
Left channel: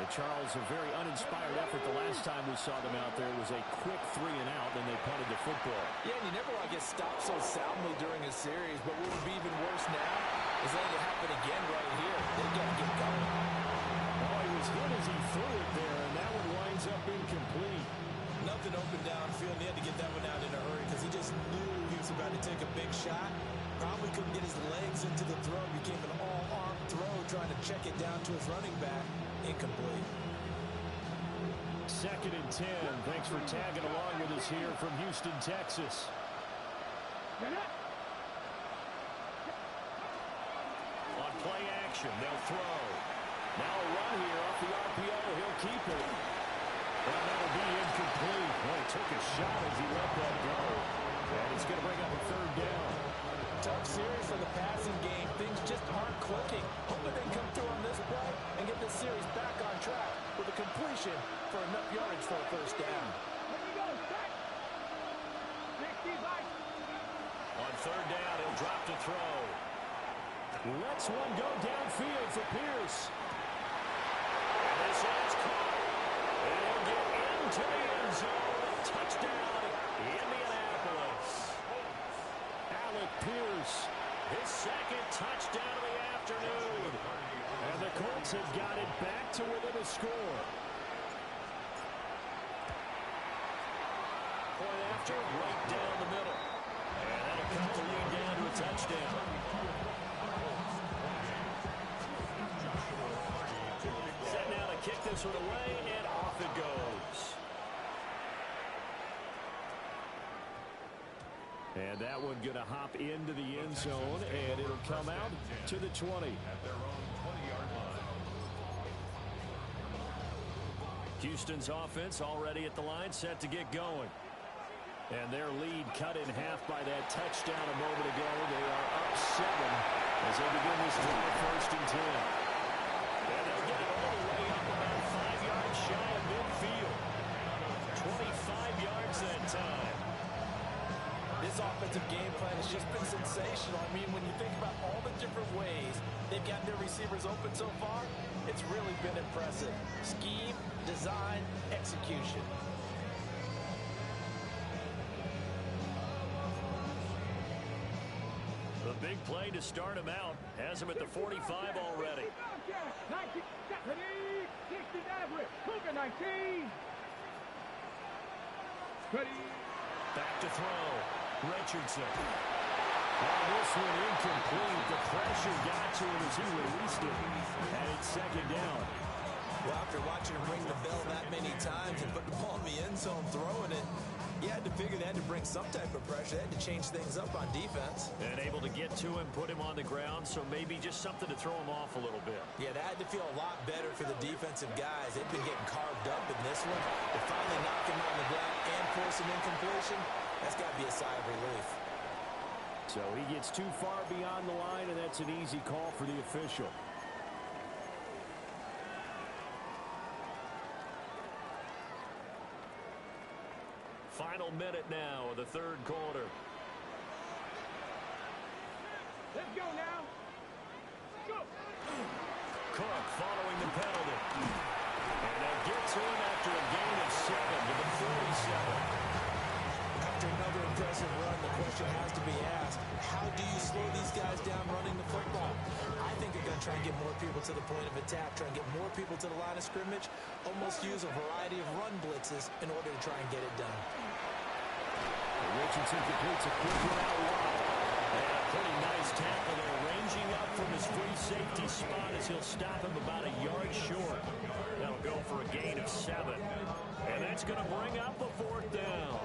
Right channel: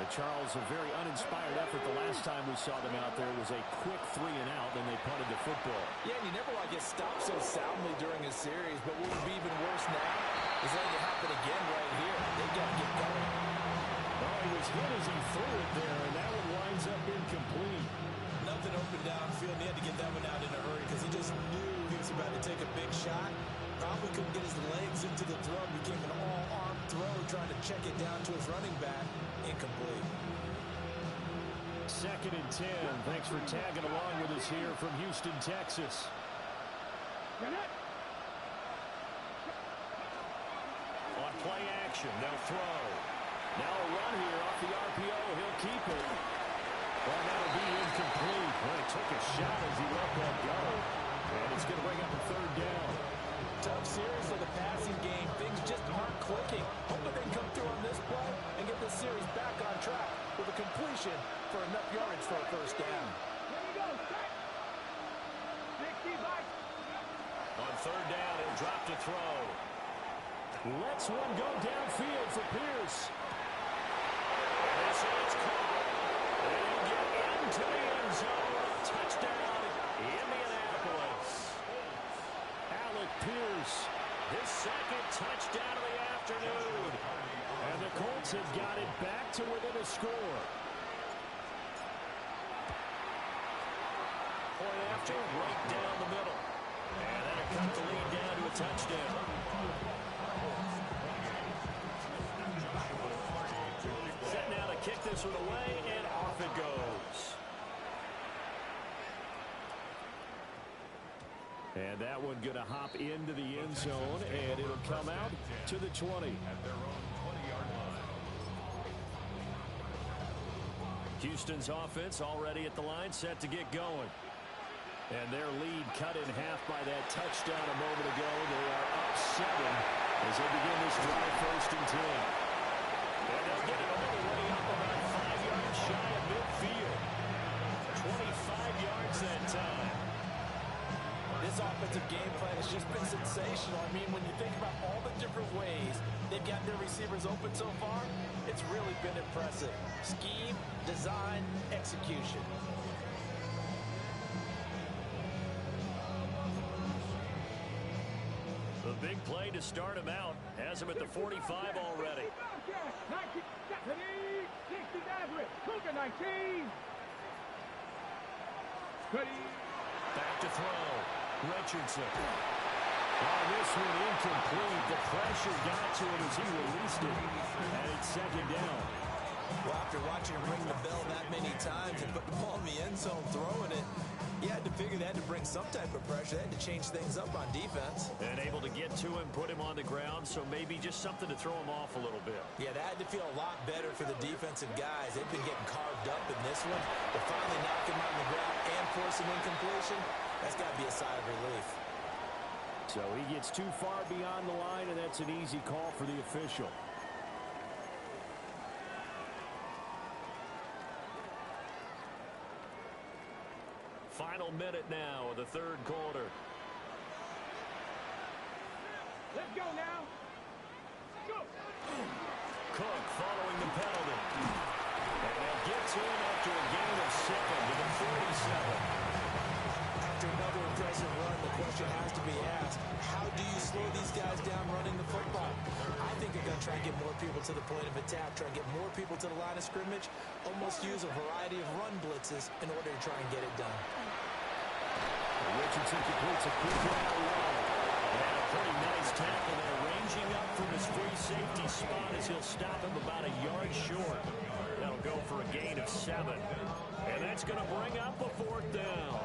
And Charles, a very uninspired effort the last time we saw them out there was a quick 3-and-out, then they punted the football. Yeah, and you never want to get stopped so soundly during a series, but what would be even worse now is letting it happen again right here. They got to get going. Oh, he was hit as he threw it there, and that one winds up incomplete. Nothing open downfield, and he had to get that one out in a hurry because he just knew he was about to take a big shot. Probably couldn't get his legs into the throw. Became an all-arm throw, trying to check it down to his running back. Incomplete. 2nd and 10. Thanks for tagging along with us here from Houston, Texas. On play action, they'll throw. Now a run here off the RPO. He'll keep it. Well, that'll be incomplete. Well, he took a shot as he let that go. And it's going to bring up a 3rd down. Tough series for the passing game. Things just aren't clicking. Hoping they can come through on this play and get this series back on track with a completion for enough yardage for a 1st down. There you go, set. 65. On 3rd down, he'll drop to throw. Lets one go downfield for Pierce. And this is caught. And he'll get into the end zone. Touchdown, Indianapolis. Alec Pierce, his 2nd touchdown of the afternoon. And the Colts have got it back to within a score. Point after, right down the middle. And that'll cut the lead down to a touchdown. Set now to kick this one away, and off it goes. And that one going to hop into the end zone, and it'll come out to the 20. At their own 20-yard line. Houston's offense already at the line, set to get going. And their lead cut in half by that touchdown a moment ago. They are up 7 as they begin this drive, 1st and 10. And they'll get it all the way up about 5 yards shy of midfield. 25 yards that time. This offensive game plan has just been sensational. I mean, when you think about all the different ways they've gotten their receivers open so far, it's really been impressive. Scheme, design, execution. The big play to start him out has him at the 45 already. 19, 60 average. Cougar 19. Ready. Back to throw. Richardson. Oh, this one incomplete. The pressure got to him as he released it. And it's 2nd down. Well, after watching him ring the bell that many times and put the ball in the end zone throwing it, you had to figure they had to bring some type of pressure. They had to change things up on defense. And able to get to him, put him on the ground, so maybe just something to throw him off a little bit. Yeah, that had to feel a lot better for the defensive guys. They've been getting carved up in this one. To finally knock him on the ground and force an incompletion, that's got to be a sigh of relief. So he gets too far beyond the line, and that's an easy call for the official. Final minute now of the 3rd quarter. Let's go now. Go. Cook following the penalty. And they'll get to him after a gain of 7 to the 47. After another impressive run, the question has to be asked, how do you slow these guys down running the football? I think they're going to try and get more people to the point of attack, try and get more people to the line of scrimmage, almost use a variety of run blitzes in order to try and get it done. Richardson completes a quick one out wide. And a pretty nice tackle there, ranging up from his free safety spot as he'll stop him about a yard short. That'll go for a gain of 7. And that's going to bring up a 4th down.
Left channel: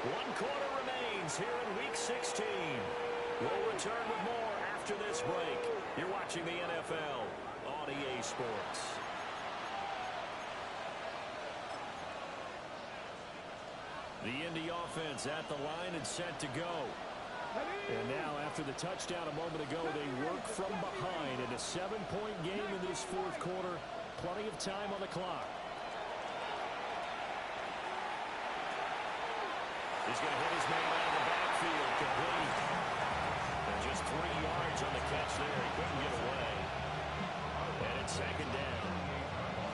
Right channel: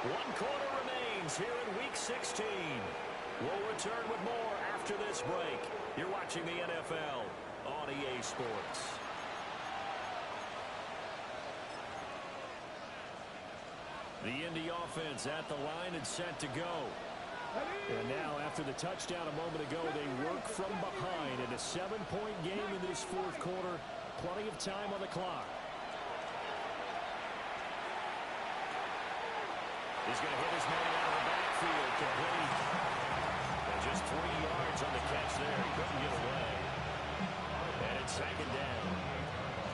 One quarter remains here in Week 16. We'll return with more after this break. You're watching the NFL on EA Sports. The Indy offense at the line and set to go. And now, after the touchdown a moment ago, they work from behind in a 7-point game in this fourth quarter. Plenty of time on the clock. He's going to hit his man out of the backfield, complete. And just 3 yards on the catch there. He couldn't get away. And it's second down.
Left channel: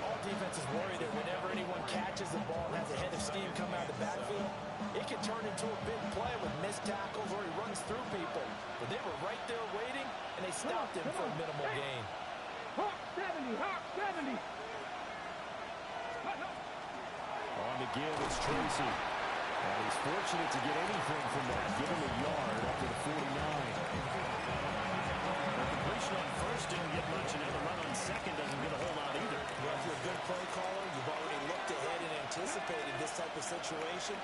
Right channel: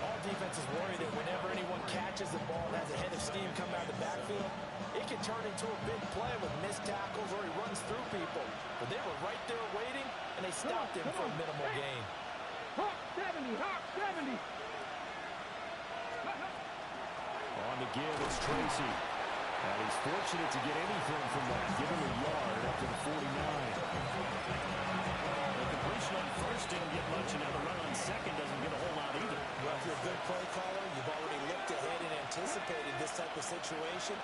All defenses worry that whenever anyone catches the ball and has a head of steam come out of the backfield, it can turn into a big play with missed tackles or he runs through people. But they were right there waiting, and they stopped him for a minimal gain. Hawk 70, Hawk 70. On the give, it's Tracy. And he's fortunate to get anything from that. Give him a yard up to the 49. The completion on first didn't get much, and now the run on second doesn't get a whole lot either. Well, if you're a good play caller, you've already looked ahead and anticipated this type of situation.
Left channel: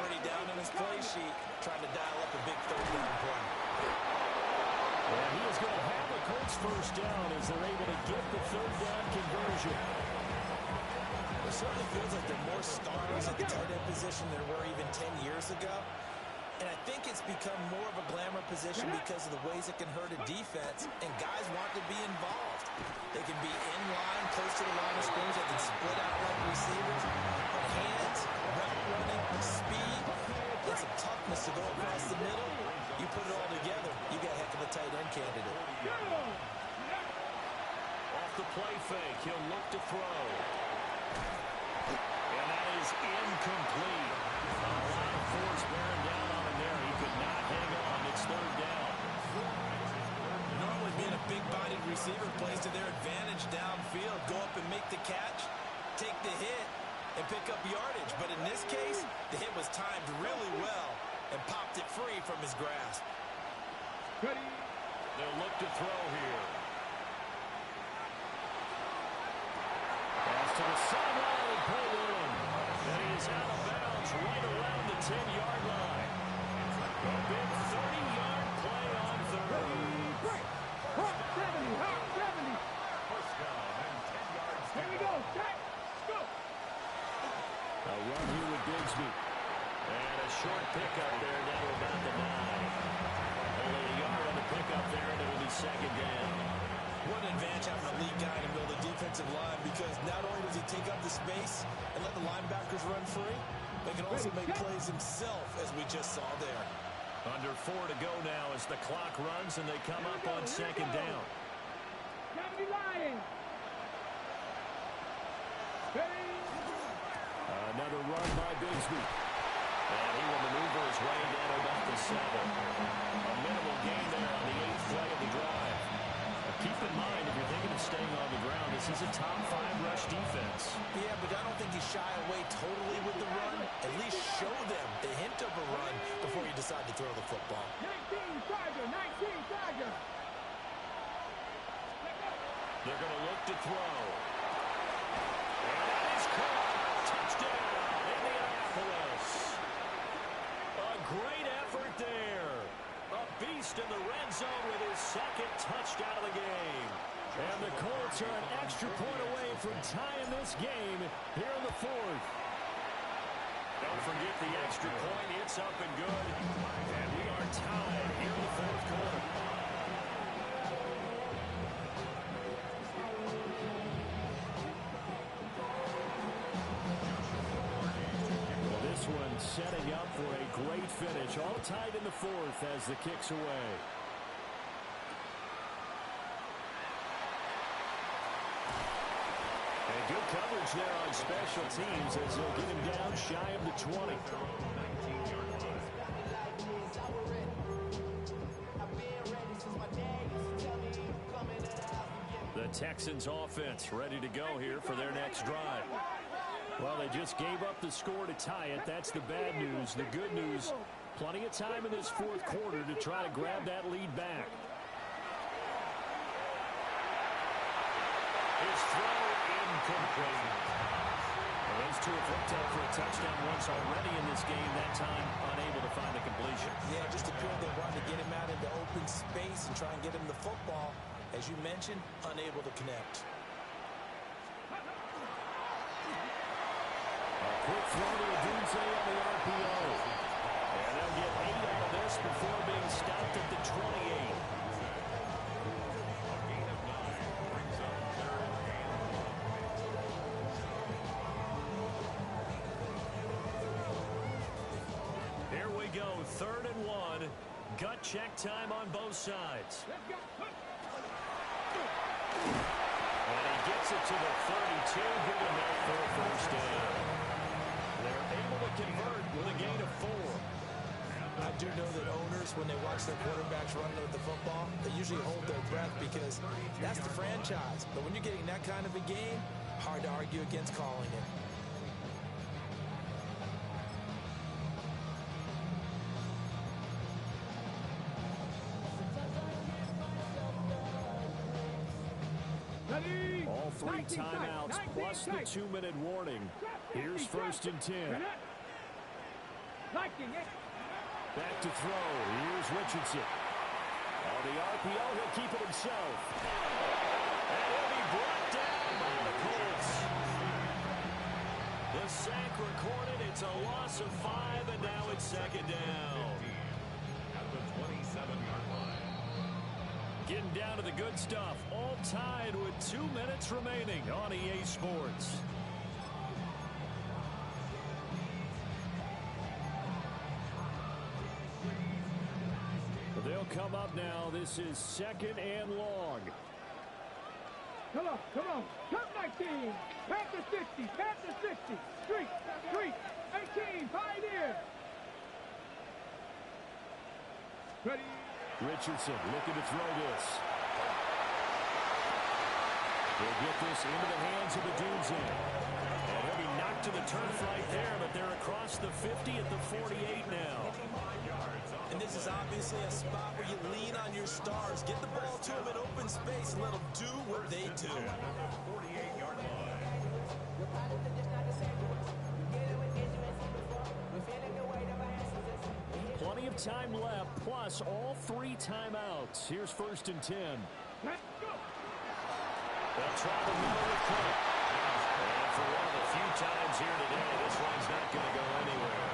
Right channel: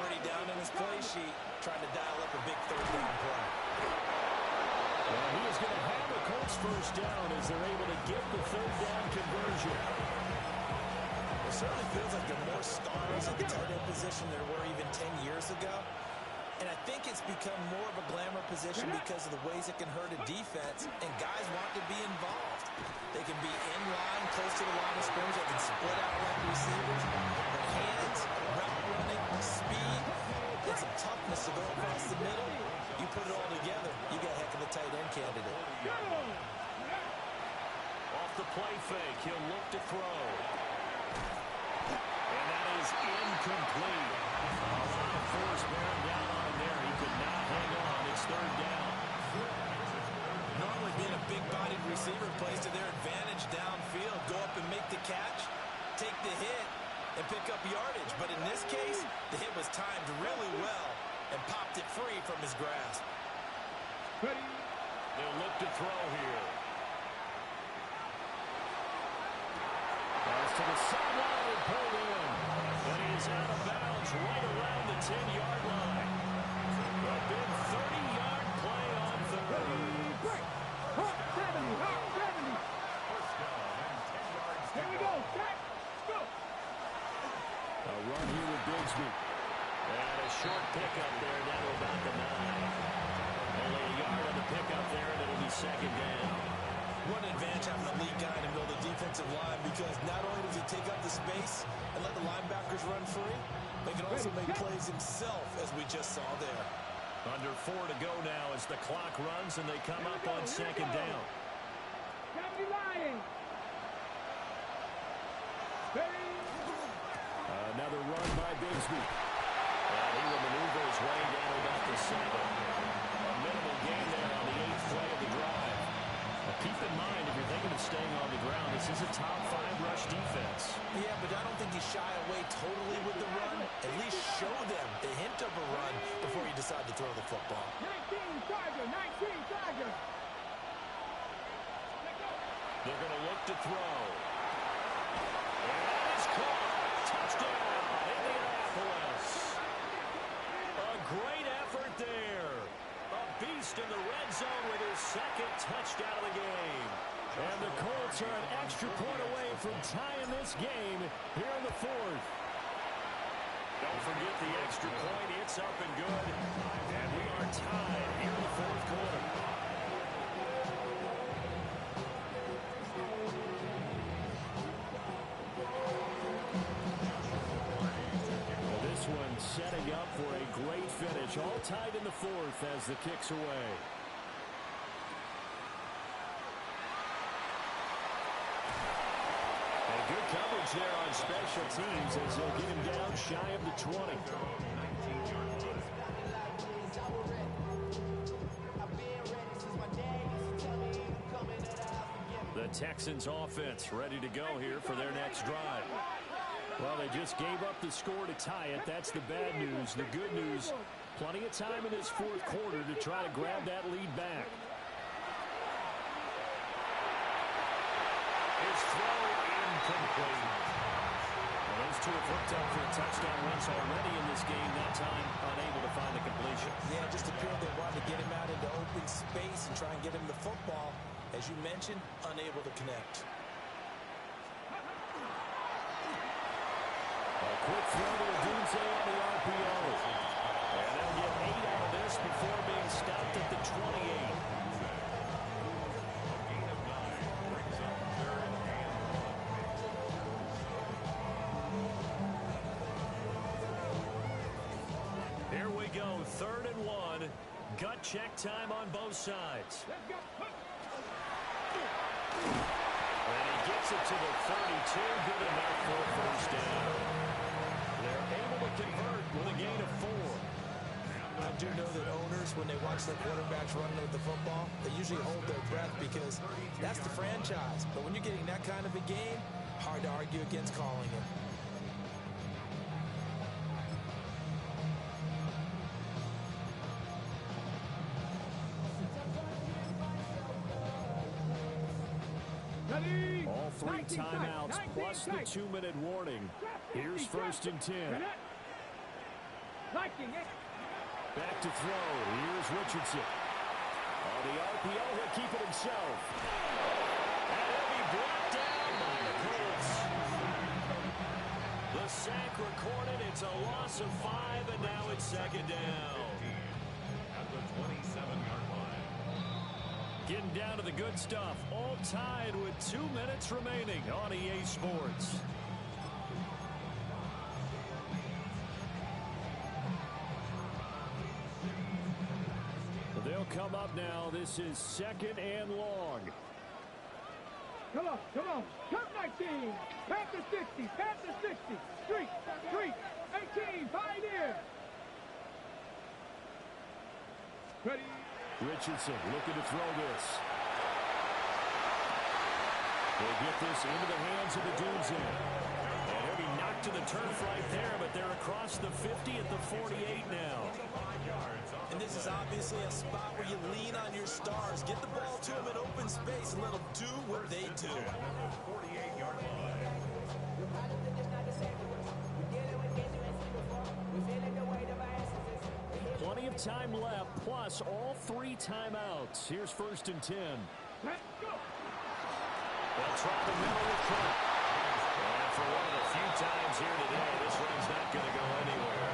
Already down in his play sheet, trying to dial up a big third down play. And he is going to have the Colts first down as they're able to get the third down conversion. It certainly feels like there are more stars at the tight end position than there were even 10 years ago. And I think it's become more of a glamour position because of the ways it can hurt a defense, and guys want to be involved. They can be in line, close to the line of scrimmage. They can split out like receivers. But hands, route running, speed, and some toughness to go across the middle, you put it all together, you got a heck of a tight end candidate. Off the play fake, he'll look to throw. And that is incomplete. A lot of force bearing down on him there. He could not hang on. It's third down. Normally being a big-bodied receiver plays to their advantage downfield. Go up and make the catch, take the hit, and pick up yardage. But in this case, the hit was timed really well and popped it free from his grasp. They'll look to throw here. Pass to the sideline and pulled in. And he is out of bounds right around the 10-yard line. A big 30-yard play on third. Hawk 70, Hawk 70. First down and 10 yards to Here we go, set, go. A run here with Bigsby. And a short pickup there down to about the 9. Only a yard on the pickup there, and it'll be second down. What an advantage having a lead guy in the middle of the defensive line, because not only does he take up the space and let the linebackers run free, but he can also make plays himself, as we just saw there. Under 4 to go now as the clock runs and they come up on second down. 70 lying. Another run by Bigsby. And he will maneuver his way down to about the 7. A minimal gain there on the 8th play of the drive. Keep in mind, if you're thinking of staying on the ground, this is a top 5 rush defense. Yeah, but I don't think you shy away totally with the run. At least show them the hint of a run before you decide to throw the football. 19 Tiger, 19 Tiger. They're going to look to throw. And that is caught. Touchdown, Indianapolis. A great effort there. A beast in the red zone with his second touchdown of the game. And the Colts are an extra point away from tying this game here in the 4th. Don't forget the extra point. It's up and good. And we are tied here in the 4th quarter. This one setting up for a great finish. All tied in the 4th as the kick's away. And good coverage there on special teams as they'll get him down shy of the 20. The Texans offense ready to go here for their next drive. Well, they just gave up the score to tie it. That's the bad news. The good news, plenty of time in this 4th quarter to try to grab that lead back. His throw incomplete. Well, those two have hooked up for a touchdown once already in this game, that time unable to find the completion. Yeah, it just appeared they wanted to get him out into open space and try and get him the football. As you mentioned, unable to connect. A quick throw to Odunze on the RPO. And they'll get 8 out of this before being stopped at the 28. Here we go, 3rd and 1. Gut check time on both sides. Let's go. And he gets it to the 32, good enough for a first down. They're able to convert with a gain of 4. I do know that owners, when they watch their quarterbacks run with the football, they usually hold their breath because that's the franchise. But when you're getting that kind of a game, hard to argue against calling it. Ready. All 3 19 timeouts sight, plus the 2-minute warning. Here's 1st and 10. 19. Back to throw. Here's Richardson. On the RPO, he'll keep it himself. And he'll be brought down by the Colts. The sack recorded. It's a loss of 5, and now it's 2nd down. At the 27-yard line. Getting down to the good stuff. All tied with 2 minutes remaining on EA Sports. They'll come up now. This is 2nd and long. Come on, come on. Come 19. Panther 60, Panther 60. Street, 18, Pioneer. Ready. Richardson looking to throw this. They'll get this into the hands of Odunze. And he'll be knocked to the turf right there, but they're across the 50 at the 48 now. And this is obviously a spot where you lean on your stars. Get the ball to them in open space and let them do what they do. 48-yard line. Plenty of time left, plus all 3 timeouts. Here's 1st and 10. Let's go. They'll try the middle with Cook. And for one of the few times here today, this run's not going to go anywhere.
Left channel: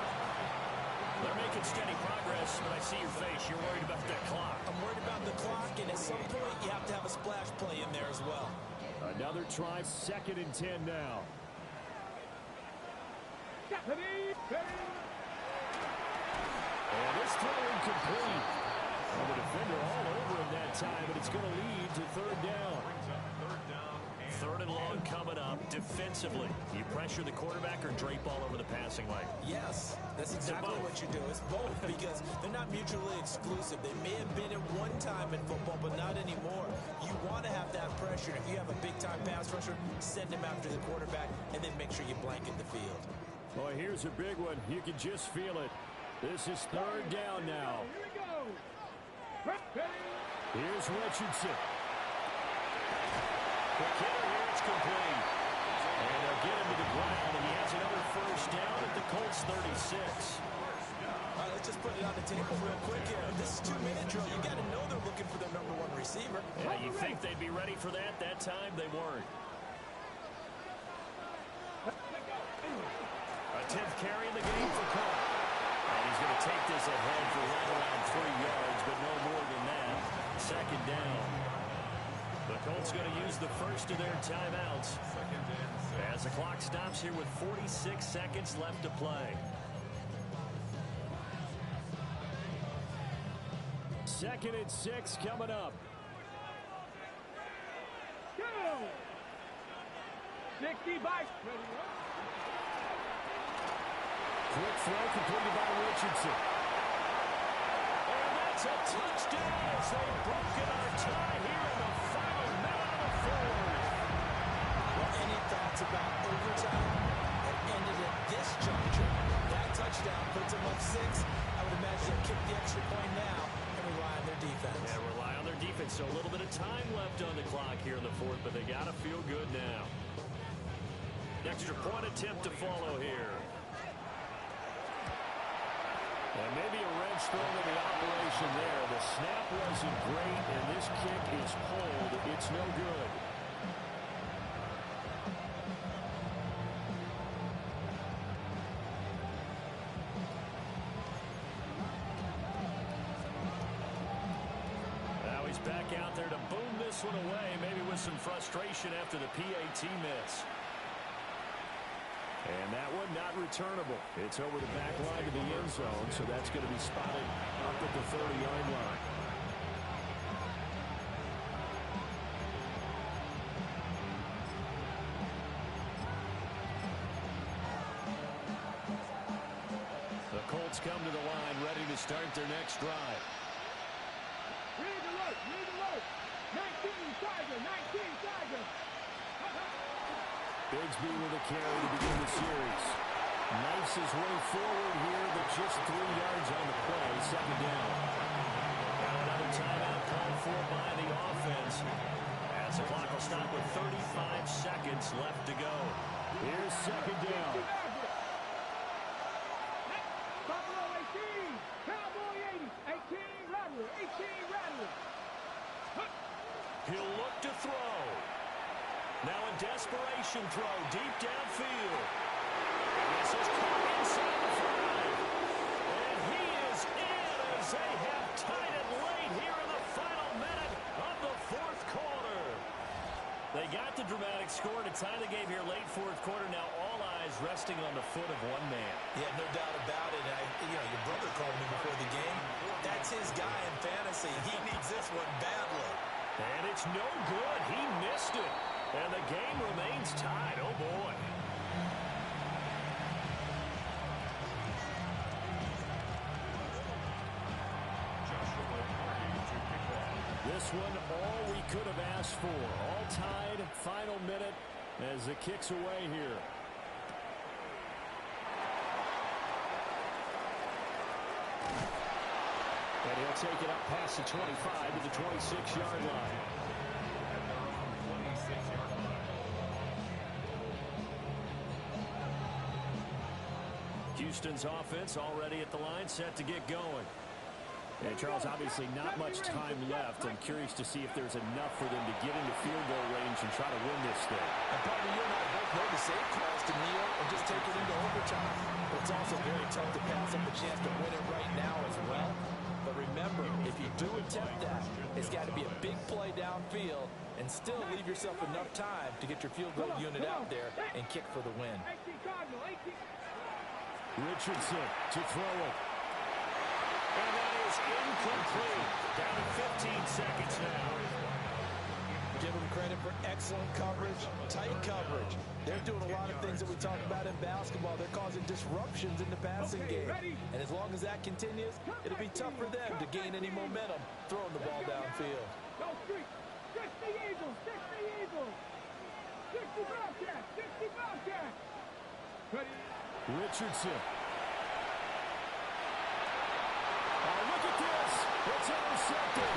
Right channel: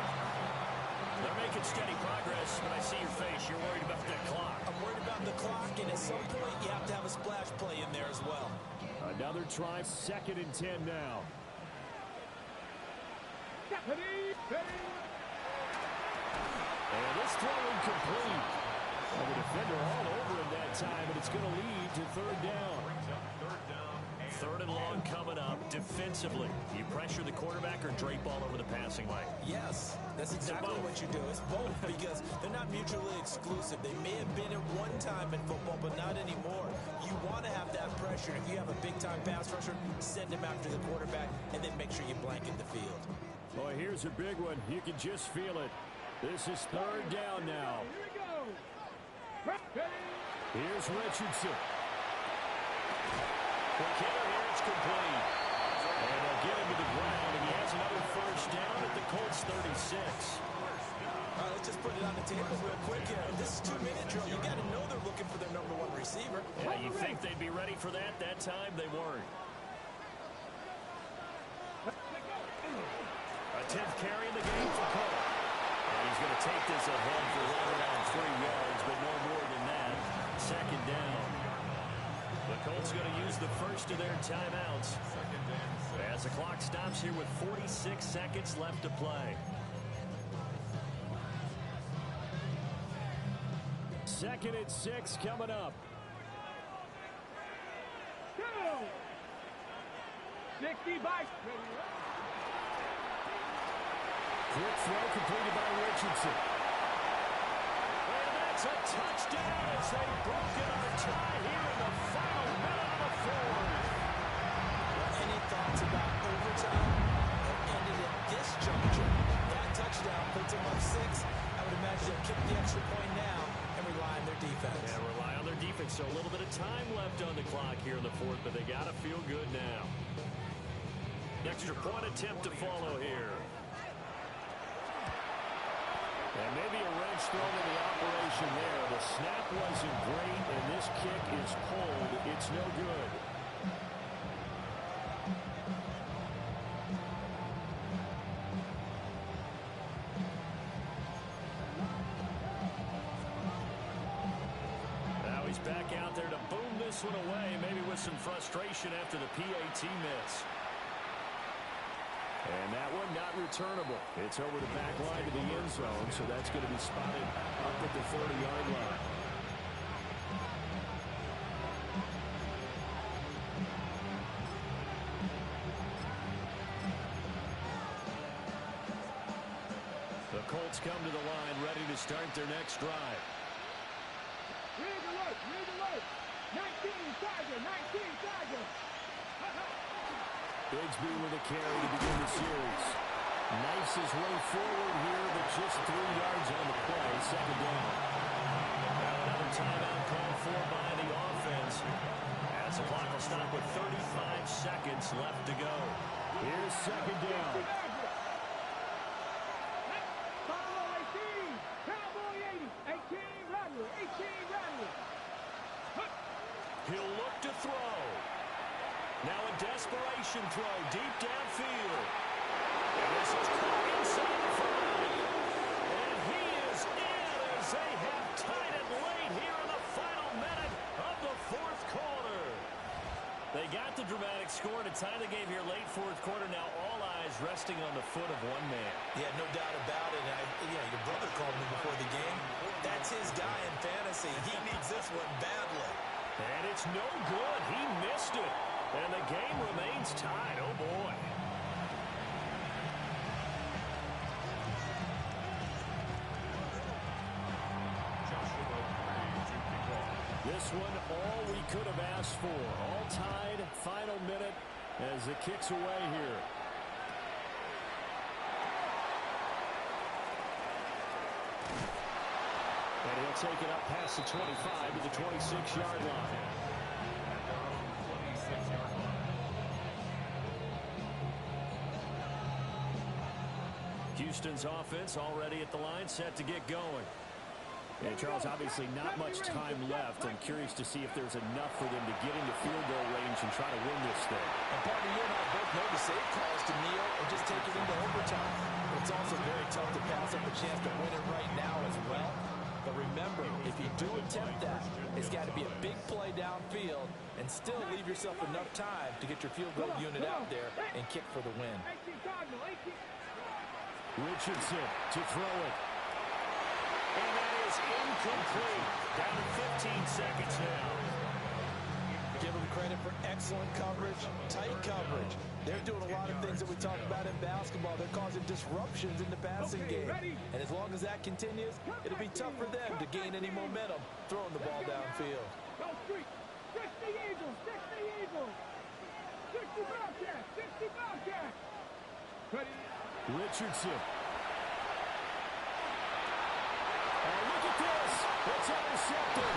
They're making steady progress, but I see your face. You're worried about that clock. I'm worried about the clock, and at some point, you have to have a splash play in there as well. Another try, 2nd and 10 now. Ready. And this throw incomplete. Well, the defender all over him that time, but it's going to lead to 3rd down. Brings up 3rd down. 3rd and long coming up. Defensively, you pressure the quarterback or drape all over the passing lane? Yes, that's exactly what you do. It's both because they're not mutually exclusive. They may have been at one time in football, but not anymore. You want to have that pressure. If you have a big-time pass rusher, send him after the quarterback, and then make sure you blanket the field. Boy, here's a big one. You can just feel it. This is 3rd down now. Here we go. Ready. Here's Richardson. Quick hitter here. It's complete. And they'll get him to the ground, and he has another 1st down at the Colts 36. All right, let's just put it on the table real quick here. This is 2-minute drill. You got to know they're looking for their #1 receiver. Yeah, you think they'd be ready for that? That time they weren't. A 10th carry in the game for Cook. And he's going to take this ahead for right around 3 yards, but no more than that. 2nd down. The Colts going to use the first of their timeouts 2nd and 6. as the clock stops here with 46 seconds left to play. 2nd and 6 coming up. Go. 60 by. Ready. Quick throw completed by Richardson. And that's a touchdown as they've broken our tie here in the final minute of the 4th. Well, any thoughts about overtime that ended at this juncture? That touchdown puts them up 6. I would imagine they'll kick the extra point now and rely on their defense. Yeah, rely on their defense. So a little bit of time left on the clock here in the 4th, but they got to feel good now. Extra point attempt to follow here. And maybe a wrench thrown in the The snap wasn't great, and this kick is pulled. It's no good. Now he's back out there to boom this one away, maybe with some frustration after the PAT miss. And that one not returnable. It's over the back line to the end zone, so that's going to be spotted up at the 30-yard line. The Colts come to the line, ready to start their next drive. Rig alert, rig alert. 19 Tiger, 19 Tiger. Bigsby with a carry to begin the series. Knifes his way forward here, but just 3 yards on the play. Second down. Now another timeout called for by the offense, as the clock will stop with 35 seconds left to go. Here's second down. Buffalo 18, Cowboy 80, 18 Rattler, 18 Rattler. He'll look to throw. Now a desperation throw deep downfield. And this is caught inside the 5. And he is in as they have tied it late here in the final minute of the fourth quarter. They got the dramatic score to tie the game here late fourth quarter. Now all eyes resting on the foot of one man. Yeah, no doubt about it. Your brother called me before the game. That's his guy in fantasy. He needs this one badly. And it's no good. He missed it. And the game remains tied. Oh, boy. This one, all we could have asked for. All tied, final minute as the kick's away here. And he'll take it up past the 25 to the 26-yard line. Houston's offense already at the line, set to get going. And Charles, obviously not much time left. I'm curious to see if there's enough for them to get into field goal range and try to win this thing. And partner, you and I both know the save calls to kneel and just take it into overtime. But it's also very tough to pass up a chance to win it right now as well. But remember, if you do attempt that, it's got to be a big play downfield and still leave yourself enough time to get your field goal unit out there and kick for the win. Richardson to throw it. And that is incomplete. Down to 15 seconds now. Give them credit for excellent coverage, tight coverage. They're doing a lot of things that we talk about in basketball. They're causing disruptions in the passing game. And as long as that continues, it'll be tough for them to gain any momentum throwing the ball downfield. Go street. 60 Eagles, 60 Eagles. 60 Bobcats, 60 Bobcats. Ready? Richardson. Oh, look at this. It's intercepted.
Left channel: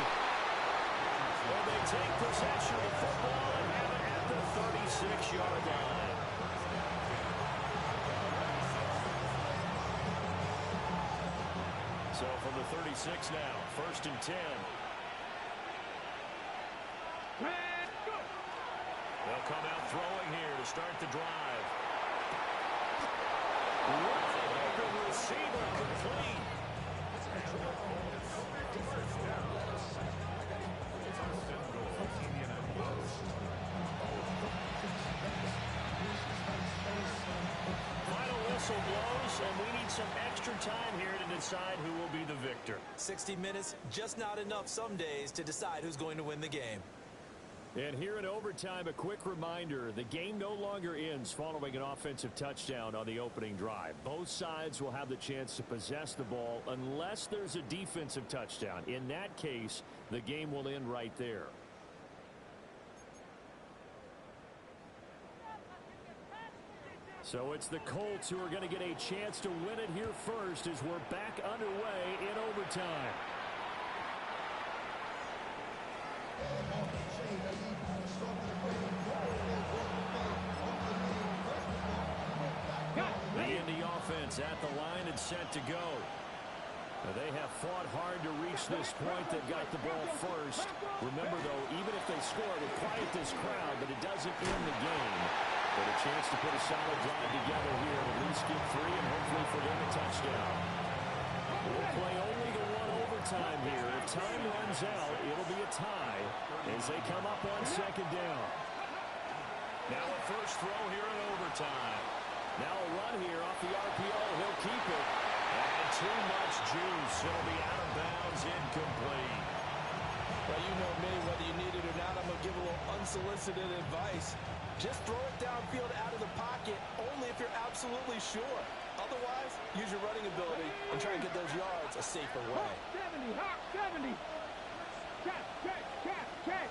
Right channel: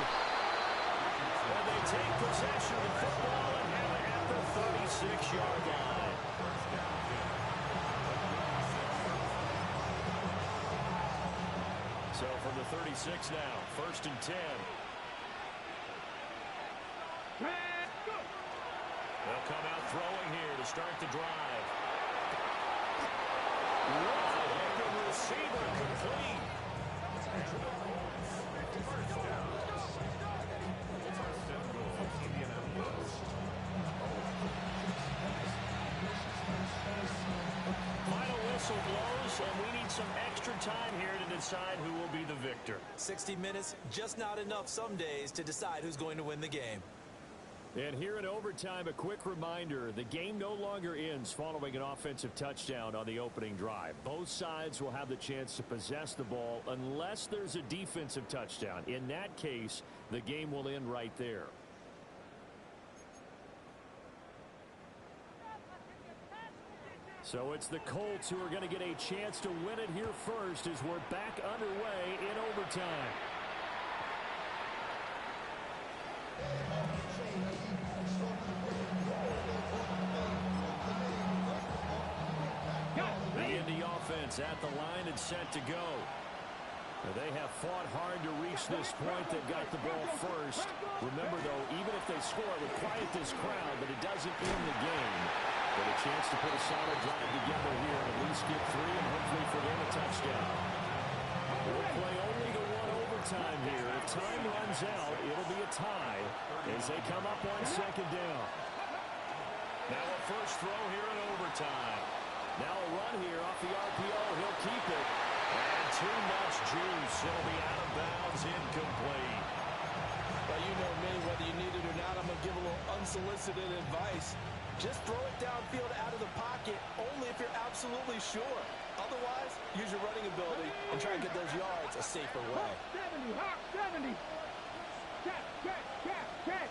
And they take possession of the football and have it at the 36-yard line. So from the 36 now, 1st and 10. They'll come out throwing here to start the drive. Wide open receiver complete. Final whistle blows, and we need some extra time here to decide who will be the victor. 60 minutes, just not enough some days to decide who's going to win the game. And here in overtime, a quick reminder, the game no longer ends following an offensive touchdown on the opening drive. Both sides will have the chance to possess the ball unless there's a defensive touchdown. In that case, the game will end right there. So it's the Colts who are going to get a chance to win it here first as we're back underway in overtime. The Indy offense at the line and set to go. They have fought hard to reach this point. They've got the ball first. Remember, though, even if they score, it would quiet this crowd, but it doesn't end the game. But a chance to put a solid drive together here and at least get 3 and hopefully for them a touchdown. We'll play only the one overtime here. If time runs out, it'll be a tie as they come up on second down. Now a first throw here in overtime. Now a run here off the RPO. He'll keep it. And too much juice. It'll be out of bounds, incomplete. Well, you know me, whether you need it or not, I'm going to give a little unsolicited advice. Just throw it downfield out of the pocket, only if you're absolutely sure. Otherwise, use your running ability and try and get those yards a safer way. 70, hot 70. Check, check, check, check.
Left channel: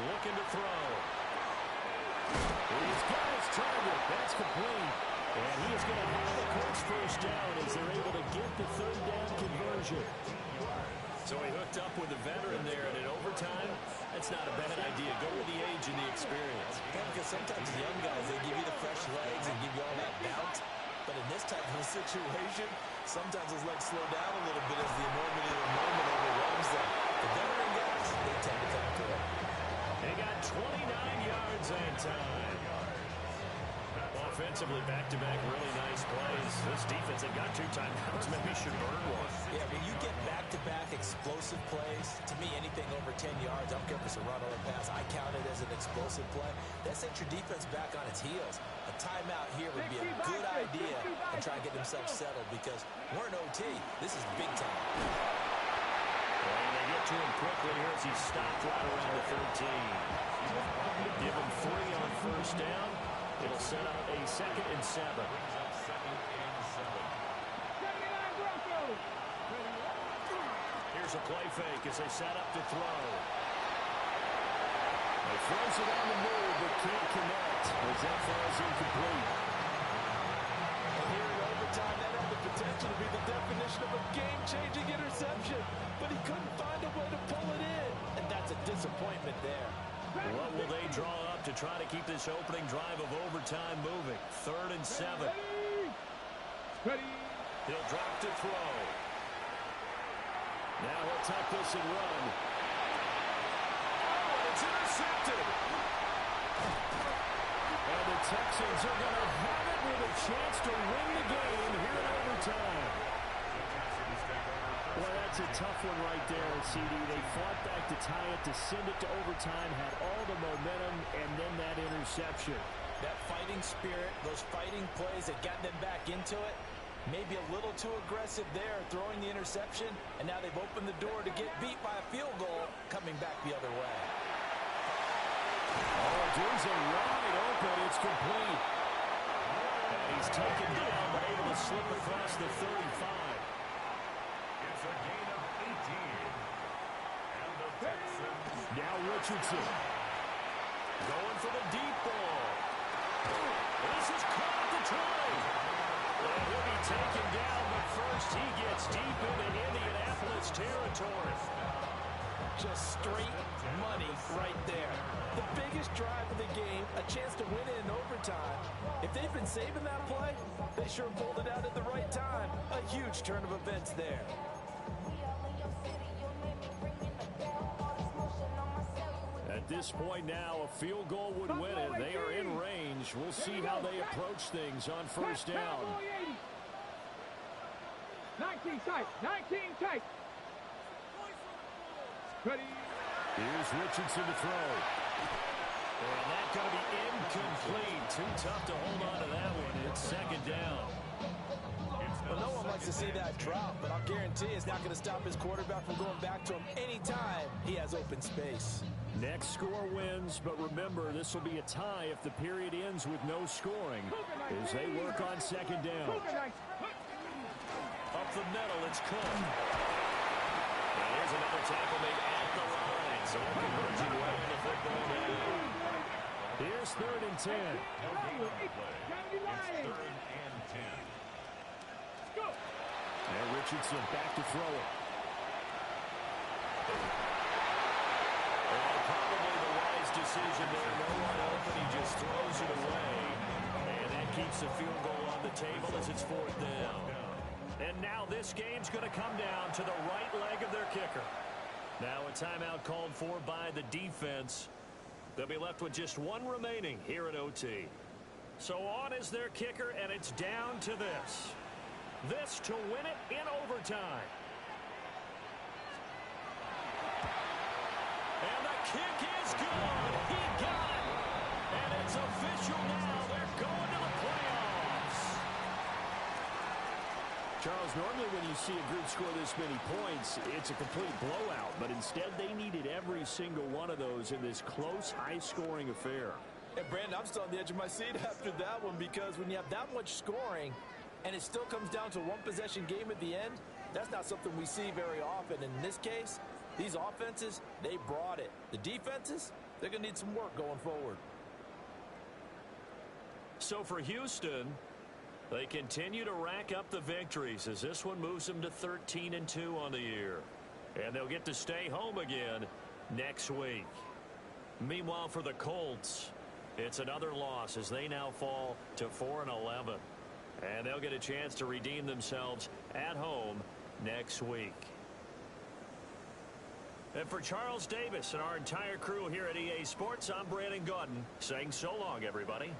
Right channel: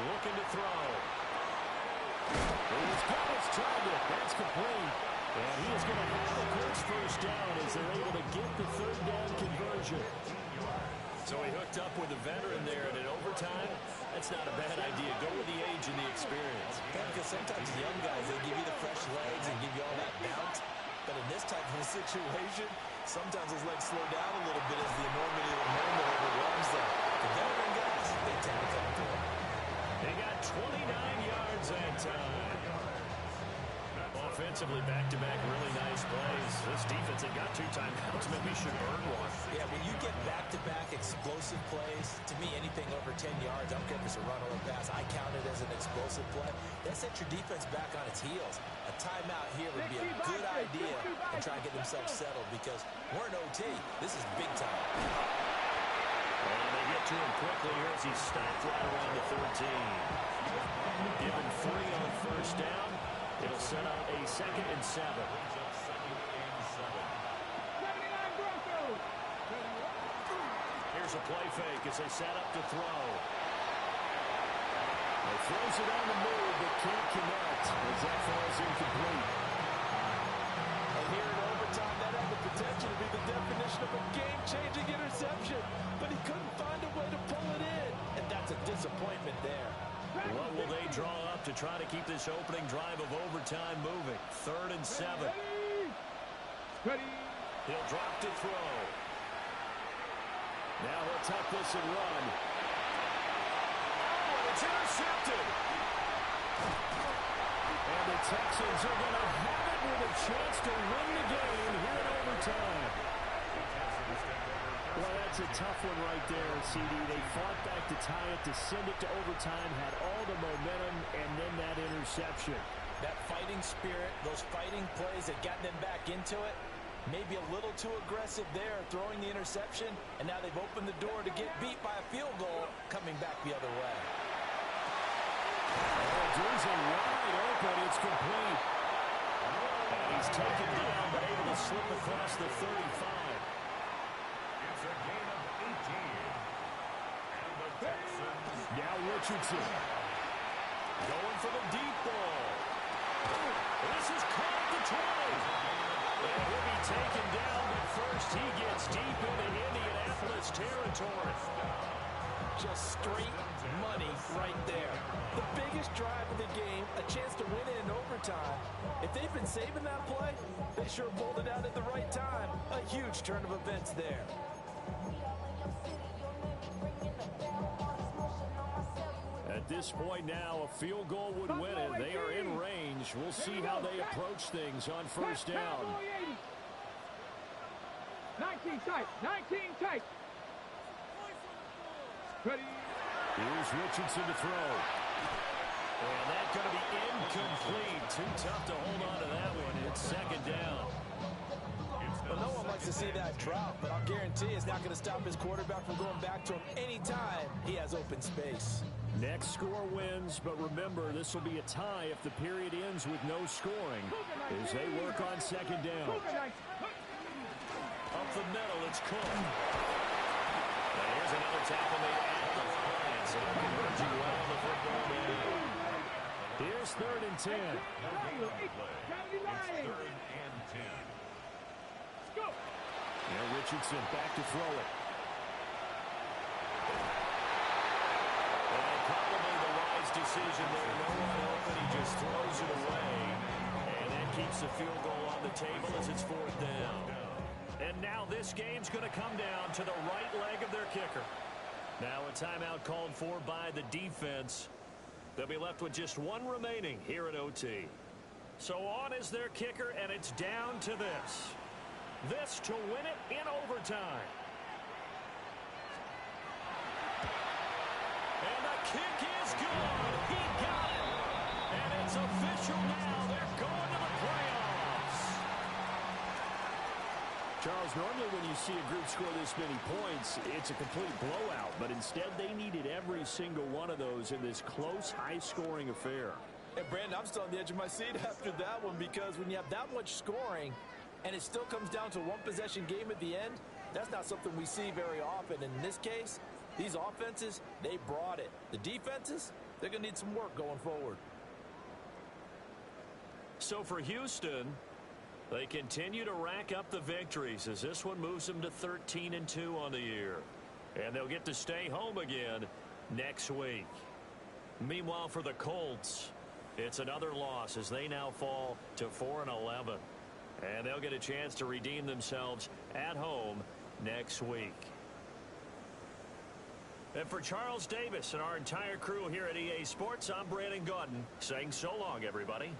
Looking to throw. He's got his target. That's complete. And he is going to have the Colts first down as they're able to get the third down conversion. So he hooked up with a veteran there, and in overtime, that's not a bad idea. Go with the age and the experience. Yeah, because sometimes the young guys, they give you the fresh legs and give you all that bounce. But in this type of a situation, sometimes those legs slow down a little bit as the enormity of the moment overwhelms them. The veteran guys, they tend to come through. They got 29 yards that time. Offensively, back-to-back really nice plays. This defense, they've got 2 timeouts. Maybe should earn one. Yeah, when you get back-to-back explosive plays, to me, anything over 10 yards, I don't care if it's a run or a pass, I count it as an explosive play. That sets your defense back on its heels. A timeout here would be a good idea and try and get themselves settled because we're in OT. This is big time. And they get to him quickly here as he stopped right around the 13. Give him 3 on first down. It'll set out a 2nd and 7. Brings up 2nd and 7. 79 Broncos. Here's a play fake as they set up to throw. He throws it on the move, but can't connect as that falls incomplete. And here in overtime, that had the potential to be the definition of a game-changing interception. But he couldn't find a way to pull it in. And that's a disappointment there. What will they draw up to try to keep this opening drive of overtime moving? 3rd and 7. Ready. He'll drop to throw. Now he'll tuck this and run. Oh, and it's intercepted. And the Texans are going to have it with a chance to win the game here in overtime. Well, that's a tough one right there, CD. They fought back to tie it, to send it to overtime, had all the momentum, and then that interception. That fighting spirit, those fighting plays that got them back into it, maybe a little too aggressive there, throwing the interception, and now they've opened the door to get beat by a field goal, coming back the other way. Oh, Drew's wide open. It's complete. And he's taken down, but able to slip across the 35. It's a gain of 18. And the Texans. Now Richardson. Going for the deep ball. This is caught at the 20. And he'll be taken down, but first he gets deep into Indianapolis territory. Just straight money right there. The biggest drive of the game, a chance to win it in overtime. If they've been saving that play, they sure pulled it out at the right time. A huge turn of events there. At this point now, a field goal would win it. They are in range. We'll see how they approach things on first down. 19 tight. 19 tight. Ready. Here's Richardson to throw. And that's going to be incomplete. Too tough to hold on to that one. It's 2nd down. Well, no one likes to see that drop, but I'll guarantee it's not going to stop his quarterback from going back to him anytime he has open space. Next score wins, but remember, this will be a tie if the period ends with no scoring as they work on 2nd down. Up the middle, it's Cook. And here's another tackle made at the line, so they're converging well on the football now. Here's 3rd and 10. No gain on the play. It's 3rd and 10. Go. Now Richardson back to throw it. And probably the wise decision there. No one open. He just throws it away. And that keeps the field goal on the table as it's 4th down. And now this game's going to come down to the right leg of their kicker. Now a timeout called for by the defense. They'll be left with just one remaining here at OT. So on is their kicker, and it's down to this. This to win it in overtime. And the kick is good. He got it. And it's official now. They're going to the playoffs. Charles, normally when you see a group score this many points, it's a complete blowout. But instead, they needed every single one of those in this close, high-scoring affair. And, Brandon, I'm still on the edge of my seat after that one, because when you have that much scoring and it still comes down to a one-possession game at the end, that's not something we see very often. In this case, these offenses, they brought it. The defenses, they're going to need some work going forward. So for Houston, they continue to rack up the victories as this one moves them to 13-2 on the year. And they'll get to stay home again next week. Meanwhile, for the Colts, it's another loss as they now fall to 4-11. And they'll get a chance to redeem themselves at home next week. And for Charles Davis and our entire crew here at EA Sports, I'm Brandon Gaudin saying so long, everybody.